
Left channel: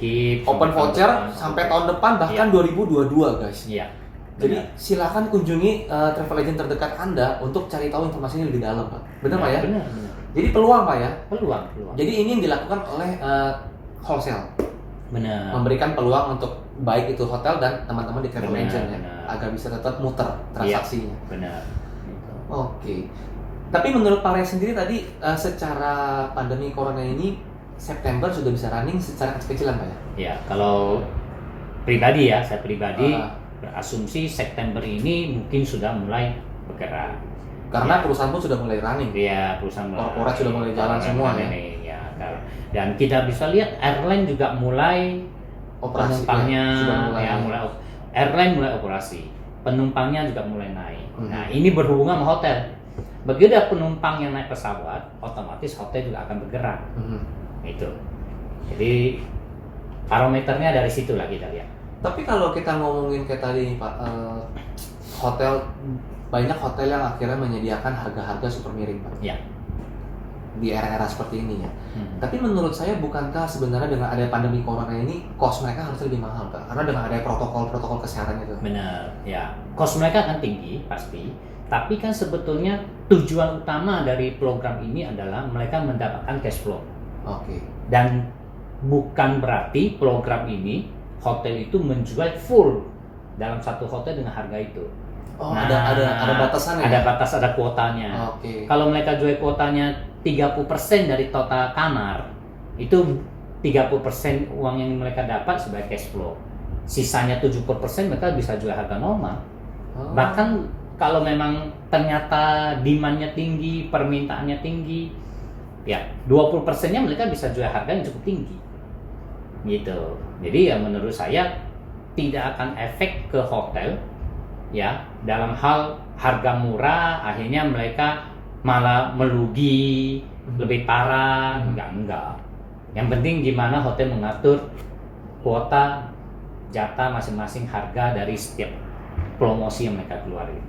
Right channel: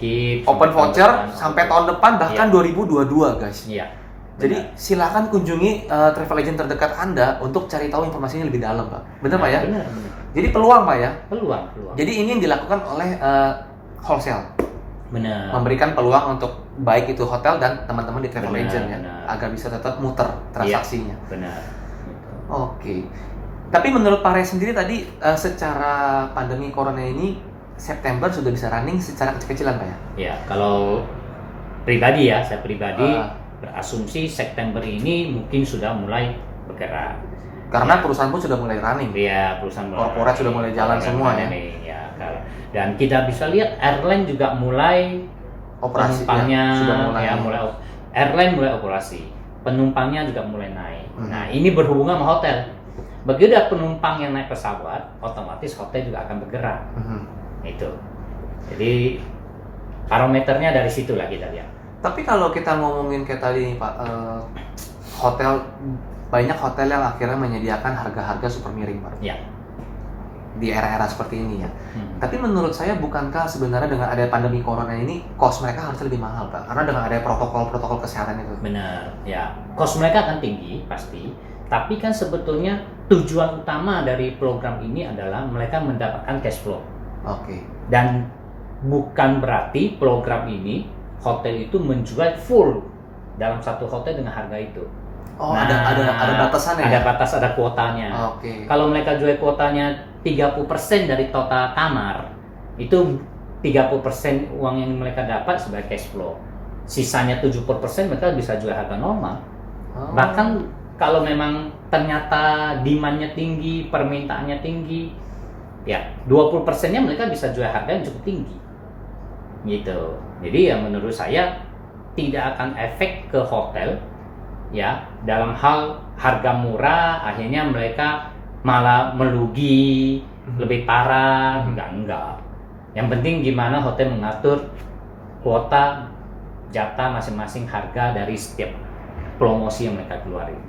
keep, open voucher sampai tahun depan bahkan 2022 guys. Iya. Jadi silakan kunjungi travel agent terdekat Anda untuk cari tahu informasinya lebih dalam Pak. Benar Pak ya? Benar. Jadi peluang Pak ya? Peluang. Jadi ini yang dilakukan oleh wholesale. Benar. Memberikan peluang untuk baik itu hotel dan teman-teman di travel agent ya, agar bisa tetap muter transaksinya. Iya, benar. Gitu. Oke. Tapi menurut Pak Ray sendiri tadi secara pandemi corona ini September sudah bisa running secara kecil-kecilan Pak ya? Ya, kalau pribadi ya, saya pribadi berasumsi September ini mungkin sudah mulai bergerak. Karena perusahaan pun sudah mulai running. Iya, perusahaan korporat sudah mulai jalan semua ya. Dan kita bisa lihat airline juga mulai operasi, penumpangnya mulai airline mulai operasi, penumpangnya juga mulai naik. Nah ini berhubungan sama hotel. Begitu ada penumpang yang naik pesawat, otomatis hotel juga akan bergerak. Itu. Jadi parameternya dari situlah kita lihat. Tapi kalau kita ngomongin kayak tadi nih Pak, hotel, banyak hotel yang akhirnya menyediakan harga-harga super miring Pak. Ya. Di era-era seperti ini ya. Tapi menurut saya bukankah sebenarnya dengan ada pandemi corona ini cost mereka harus lebih mahal Pak? Karena dengan ada protokol kesehatan itu. Benar, ya. Cost mereka akan tinggi pasti. Tapi kan sebetulnya tujuan utama dari program ini adalah mereka mendapatkan cash flow. Oke. Dan bukan berarti program ini hotel itu menjual full dalam satu hotel dengan harga itu. Oh, ada batasannya. Ada batas, ada kuotanya. Oke. Kalau mereka jual kuotanya 30% dari total kamar, itu 30% uang yang mereka dapat sebagai cash flow. Sisanya 70% mereka bisa jual harga normal. Bahkan kalau memang ternyata demand-nya tinggi, permintaannya tinggi, ya 20%-nya mereka bisa jual harga yang cukup tinggi. Gitu. Jadi ya menurut saya tidak akan efek ke hotel ya dalam hal harga murah, akhirnya mereka malah merugi, lebih parah. Enggak. Yang penting gimana hotel mengatur kuota, jatah masing-masing, harga dari setiap promosi yang mereka keluarin.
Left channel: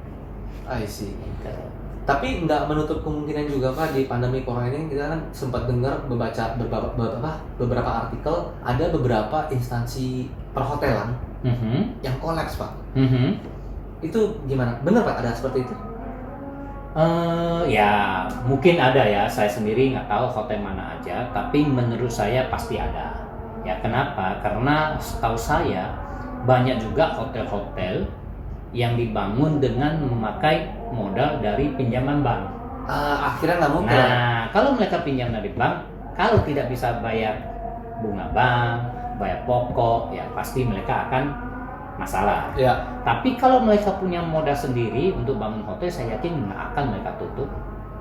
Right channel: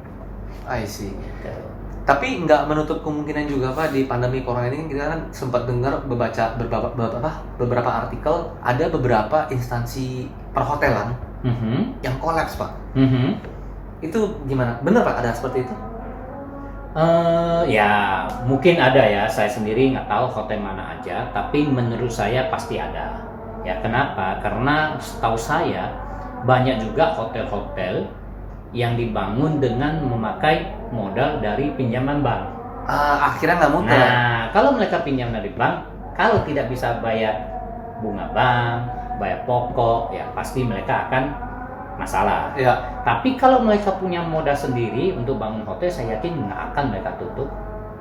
I see. Gitu. Tapi nggak menutup kemungkinan juga Pak, di pandemi corona ini kita kan sempat dengar membaca beberapa artikel, ada beberapa instansi perhotelan yang kolaps Pak. Itu gimana? Bener Pak ada seperti itu? Ya mungkin ada ya, saya sendiri nggak tahu hotel mana aja, tapi menurut saya pasti ada. Ya kenapa? Karena setahu saya banyak juga hotel-hotel yang dibangun dengan memakai modal dari pinjaman bank. Akhirnya nggak mungkin. Nah, kalau mereka pinjam dari bank, kalau tidak bisa bayar bunga bank, bayar pokok, ya pasti mereka akan masalah. Ya. Tapi kalau mereka punya modal sendiri untuk bangun hotel, saya yakin nggak akan mereka tutup.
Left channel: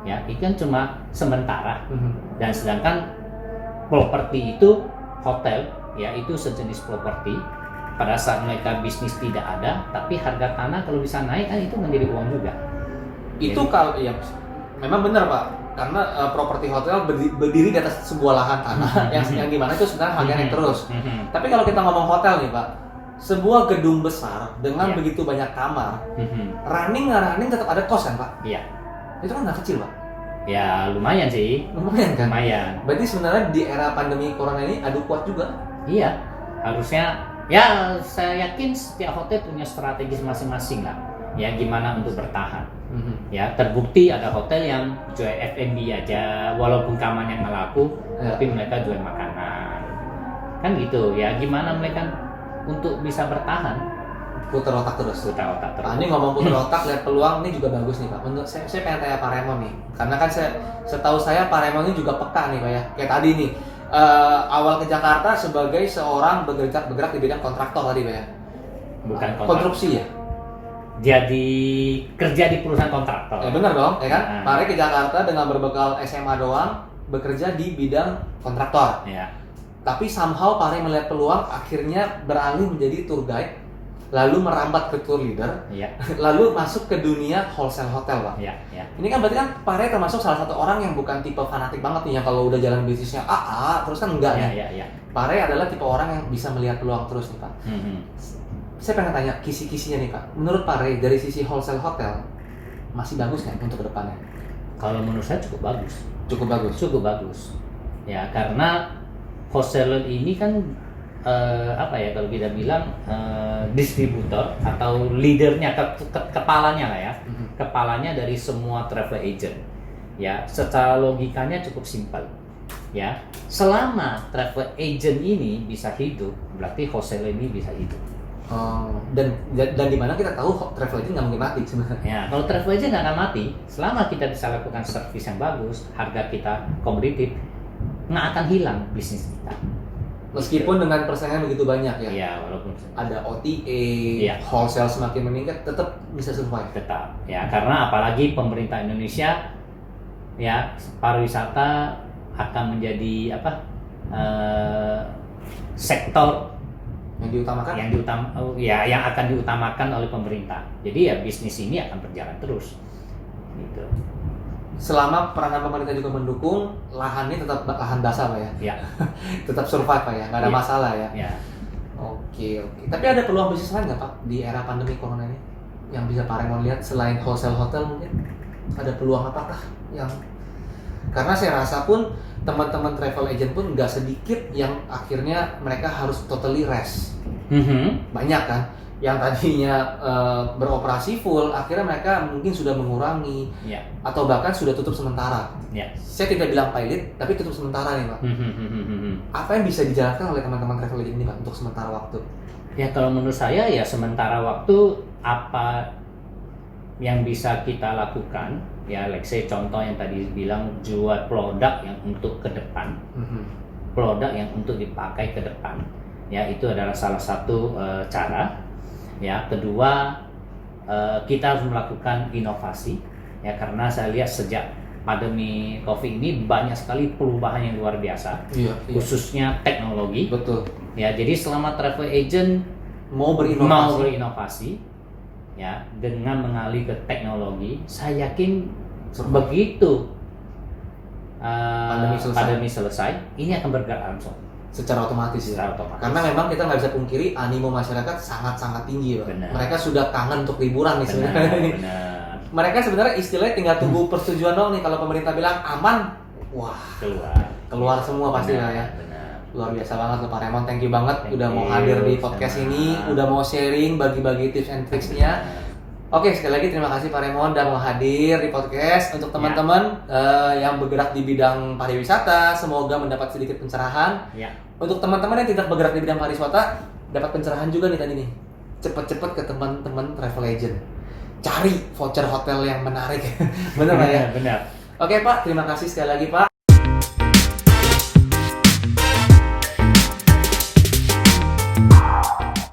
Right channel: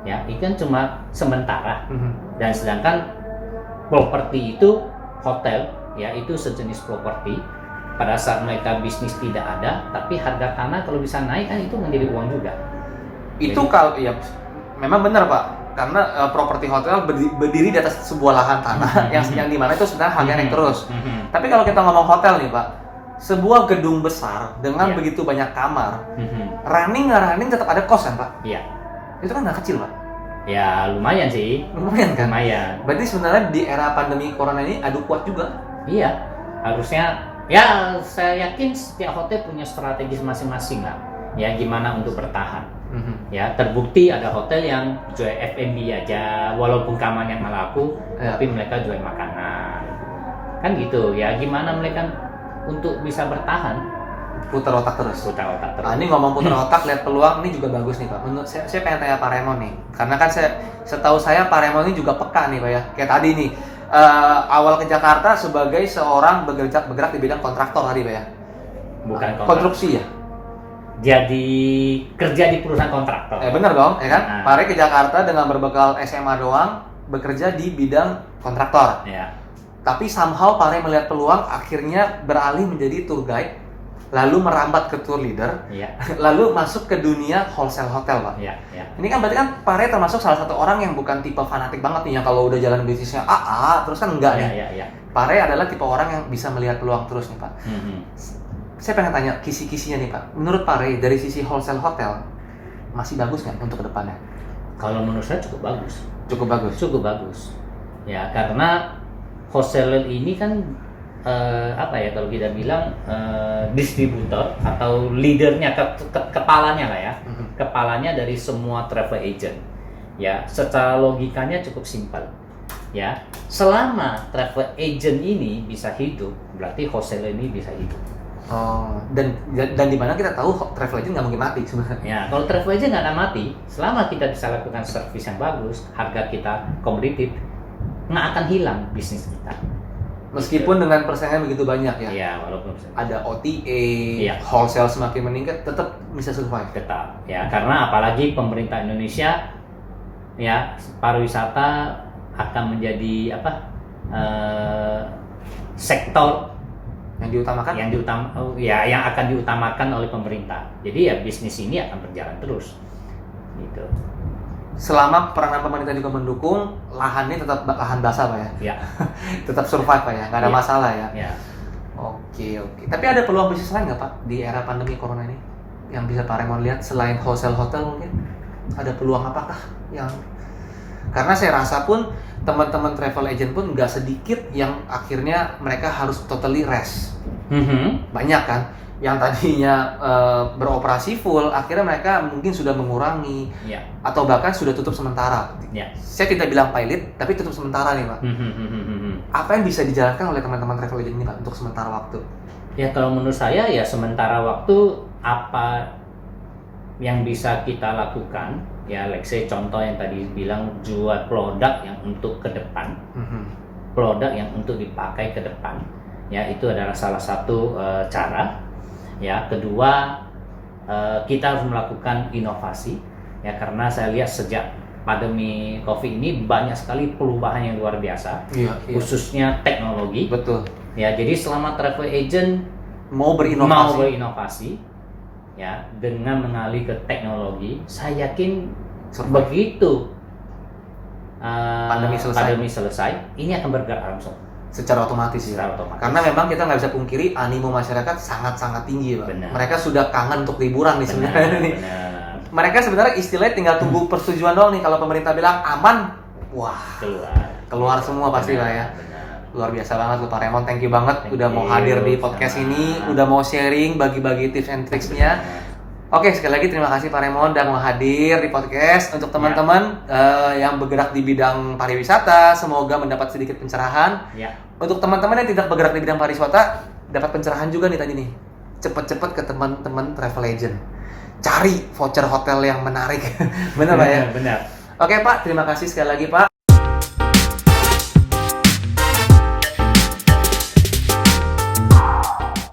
Ya, itu kan cuma sementara. Dan sedangkan properti itu hotel, ya itu sejenis properti. Pada saat mereka bisnis tidak ada, tapi harga tanah kalau bisa naik kan itu menjadi uang juga. Itu kalau ya memang benar Pak, karena properti hotel berdiri di atas sebuah lahan tanah yang dimana itu sebenarnya harganya naik terus. Tapi kalau kita ngomong hotel nih Pak, sebuah gedung besar dengan begitu banyak kamar, running tetap ada cost kan Pak? Iya. Itu kan nggak kecil Pak? Ya lumayan sih. Lumayan kan? Lumayan. Berarti sebenarnya di era pandemi corona ini adu kuat juga? Iya, harusnya. Ya, saya yakin setiap hotel punya strategi masing-masing lah. Ya, gimana untuk bertahan. Ya, terbukti ada hotel yang jual F&B aja, walaupun kamarnya nggak laku, tapi mereka jual makanan. Kan gitu. Ya, gimana mereka untuk bisa bertahan? Putar otak terus. Ini ngomong putar otak, lihat peluang, ini juga bagus nih Pak. Menurut saya pengen tanya Pak Raymond nih, karena kan setahu saya Pak Raymond ini juga peka nih Pak ya. Kayak tadi nih. Awal ke Jakarta sebagai seorang bergerak di bidang kontraktor tadi Pak ya? Bukan kontraktor. Konstruksi ya? Jadi kerja di perusahaan kontraktor. Bener dong, ya kan? Pak Ray ke Jakarta dengan berbekal SMA doang, bekerja di bidang kontraktor. Ya. Tapi somehow Pak Ray melihat peluang, akhirnya beralih menjadi tour guide, lalu merambat ke tour leader, lalu masuk ke dunia wholesale hotel Pak. Ini kan berarti kan Pak Ray termasuk salah satu orang yang bukan tipe fanatik banget nih, yang kalau udah jalan bisnisnya terus kan enggak nih. Pak Ray adalah tipe orang yang bisa melihat peluang terus nih Pak. Saya pengen tanya kisi-kisinya nih Pak. Menurut Pak Ray dari sisi wholesale hotel masih bagus kan untuk kedepannya? Kalau menurut saya cukup bagus. Cukup bagus. Ya karena wholesaler ini kan kalau kita bilang distributor atau leadernya, kepalanya lah ya, kepalanya dari semua travel agent. Ya, secara logikanya cukup simpel. Ya, selama travel agent ini bisa hidup, berarti wholesaler ini bisa hidup. Dan di mana kita tahu travel agent nggak mungkin mati sebenarnya. Ya, kalau travel agent nggak akan mati, selama kita bisa lakukan servis yang bagus, harga kita kompetitif, nggak akan hilang bisnis kita. Meskipun dengan persaingan begitu banyak ya. Iya, walaupun ada OTA, wholesale semakin meningkat, tetap bisa survive. Tetap, ya karena apalagi pemerintah Indonesia, ya pariwisata akan menjadi sektor yang akan diutamakan oleh pemerintah. Jadi ya bisnis ini akan berjalan terus, gitu. Selama peranan pemerintah juga mendukung, lahannya tetap lahan basah Pak ya? Tetap survive Pak ya? Nggak ada masalah ya? Oke. Tapi ada peluang bisnis lain nggak Pak di era pandemi corona ini? Yang bisa Pak Raymond lihat selain wholesale hotel mungkin? Ada peluang apakah yang... Karena saya rasa pun teman-teman travel agent pun nggak sedikit yang akhirnya mereka harus totally rest. Banyak kan? Yang tadinya beroperasi full, akhirnya mereka mungkin sudah mengurangi atau bahkan sudah tutup sementara. Saya tidak bilang pilot, tapi tutup sementara nih Pak. Apa yang bisa dijalankan oleh teman-teman travel agent ini Pak untuk sementara waktu? Ya kalau menurut saya ya sementara waktu apa yang bisa kita lakukan, ya let's say contoh yang tadi bilang jual produk yang untuk ke depan, produk yang untuk dipakai ke depan, ya itu adalah salah satu cara. Ya, kedua kita harus melakukan inovasi ya karena saya lihat sejak pandemi Covid ini banyak sekali perubahan yang luar biasa, khususnya teknologi. Betul. Ya, jadi selama travel agent mau berinovasi ya dengan mengalih ke teknologi, saya yakin Begitu Pandemi selesai. selesai, ini akan bergerak langsung Secara otomatis ya. secara otomatis. Karena memang kita nggak bisa pungkiri animo masyarakat sangat-sangat tinggi, Pak. Benar. Mereka sudah kangen untuk liburan nih benar, sebenarnya nih. benar. Mereka sebenarnya istilahnya tinggal tunggu persetujuan doang nih. Kalau pemerintah bilang aman, wah keluar semua pasti lah ya. Benar. Luar biasa banget lu Pak Raymond, thank you banget Thank udah mau you, hadir di podcast sama. ini, udah mau sharing, bagi-bagi tips and tricksnya. Benar. Oke, sekali lagi terima kasih Pak Raymond udah mau hadir di podcast. Untuk teman-teman yang bergerak di bidang pariwisata, semoga mendapat sedikit pencerahan. Ya. Untuk teman-teman yang tidak bergerak di bidang pariwisata, dapat pencerahan juga nih tadi nih. Cepet-cepet ke teman-teman travel agent. Cari voucher hotel yang menarik. Benar Pak ya? Benar. Oke Pak, terima kasih sekali lagi Pak.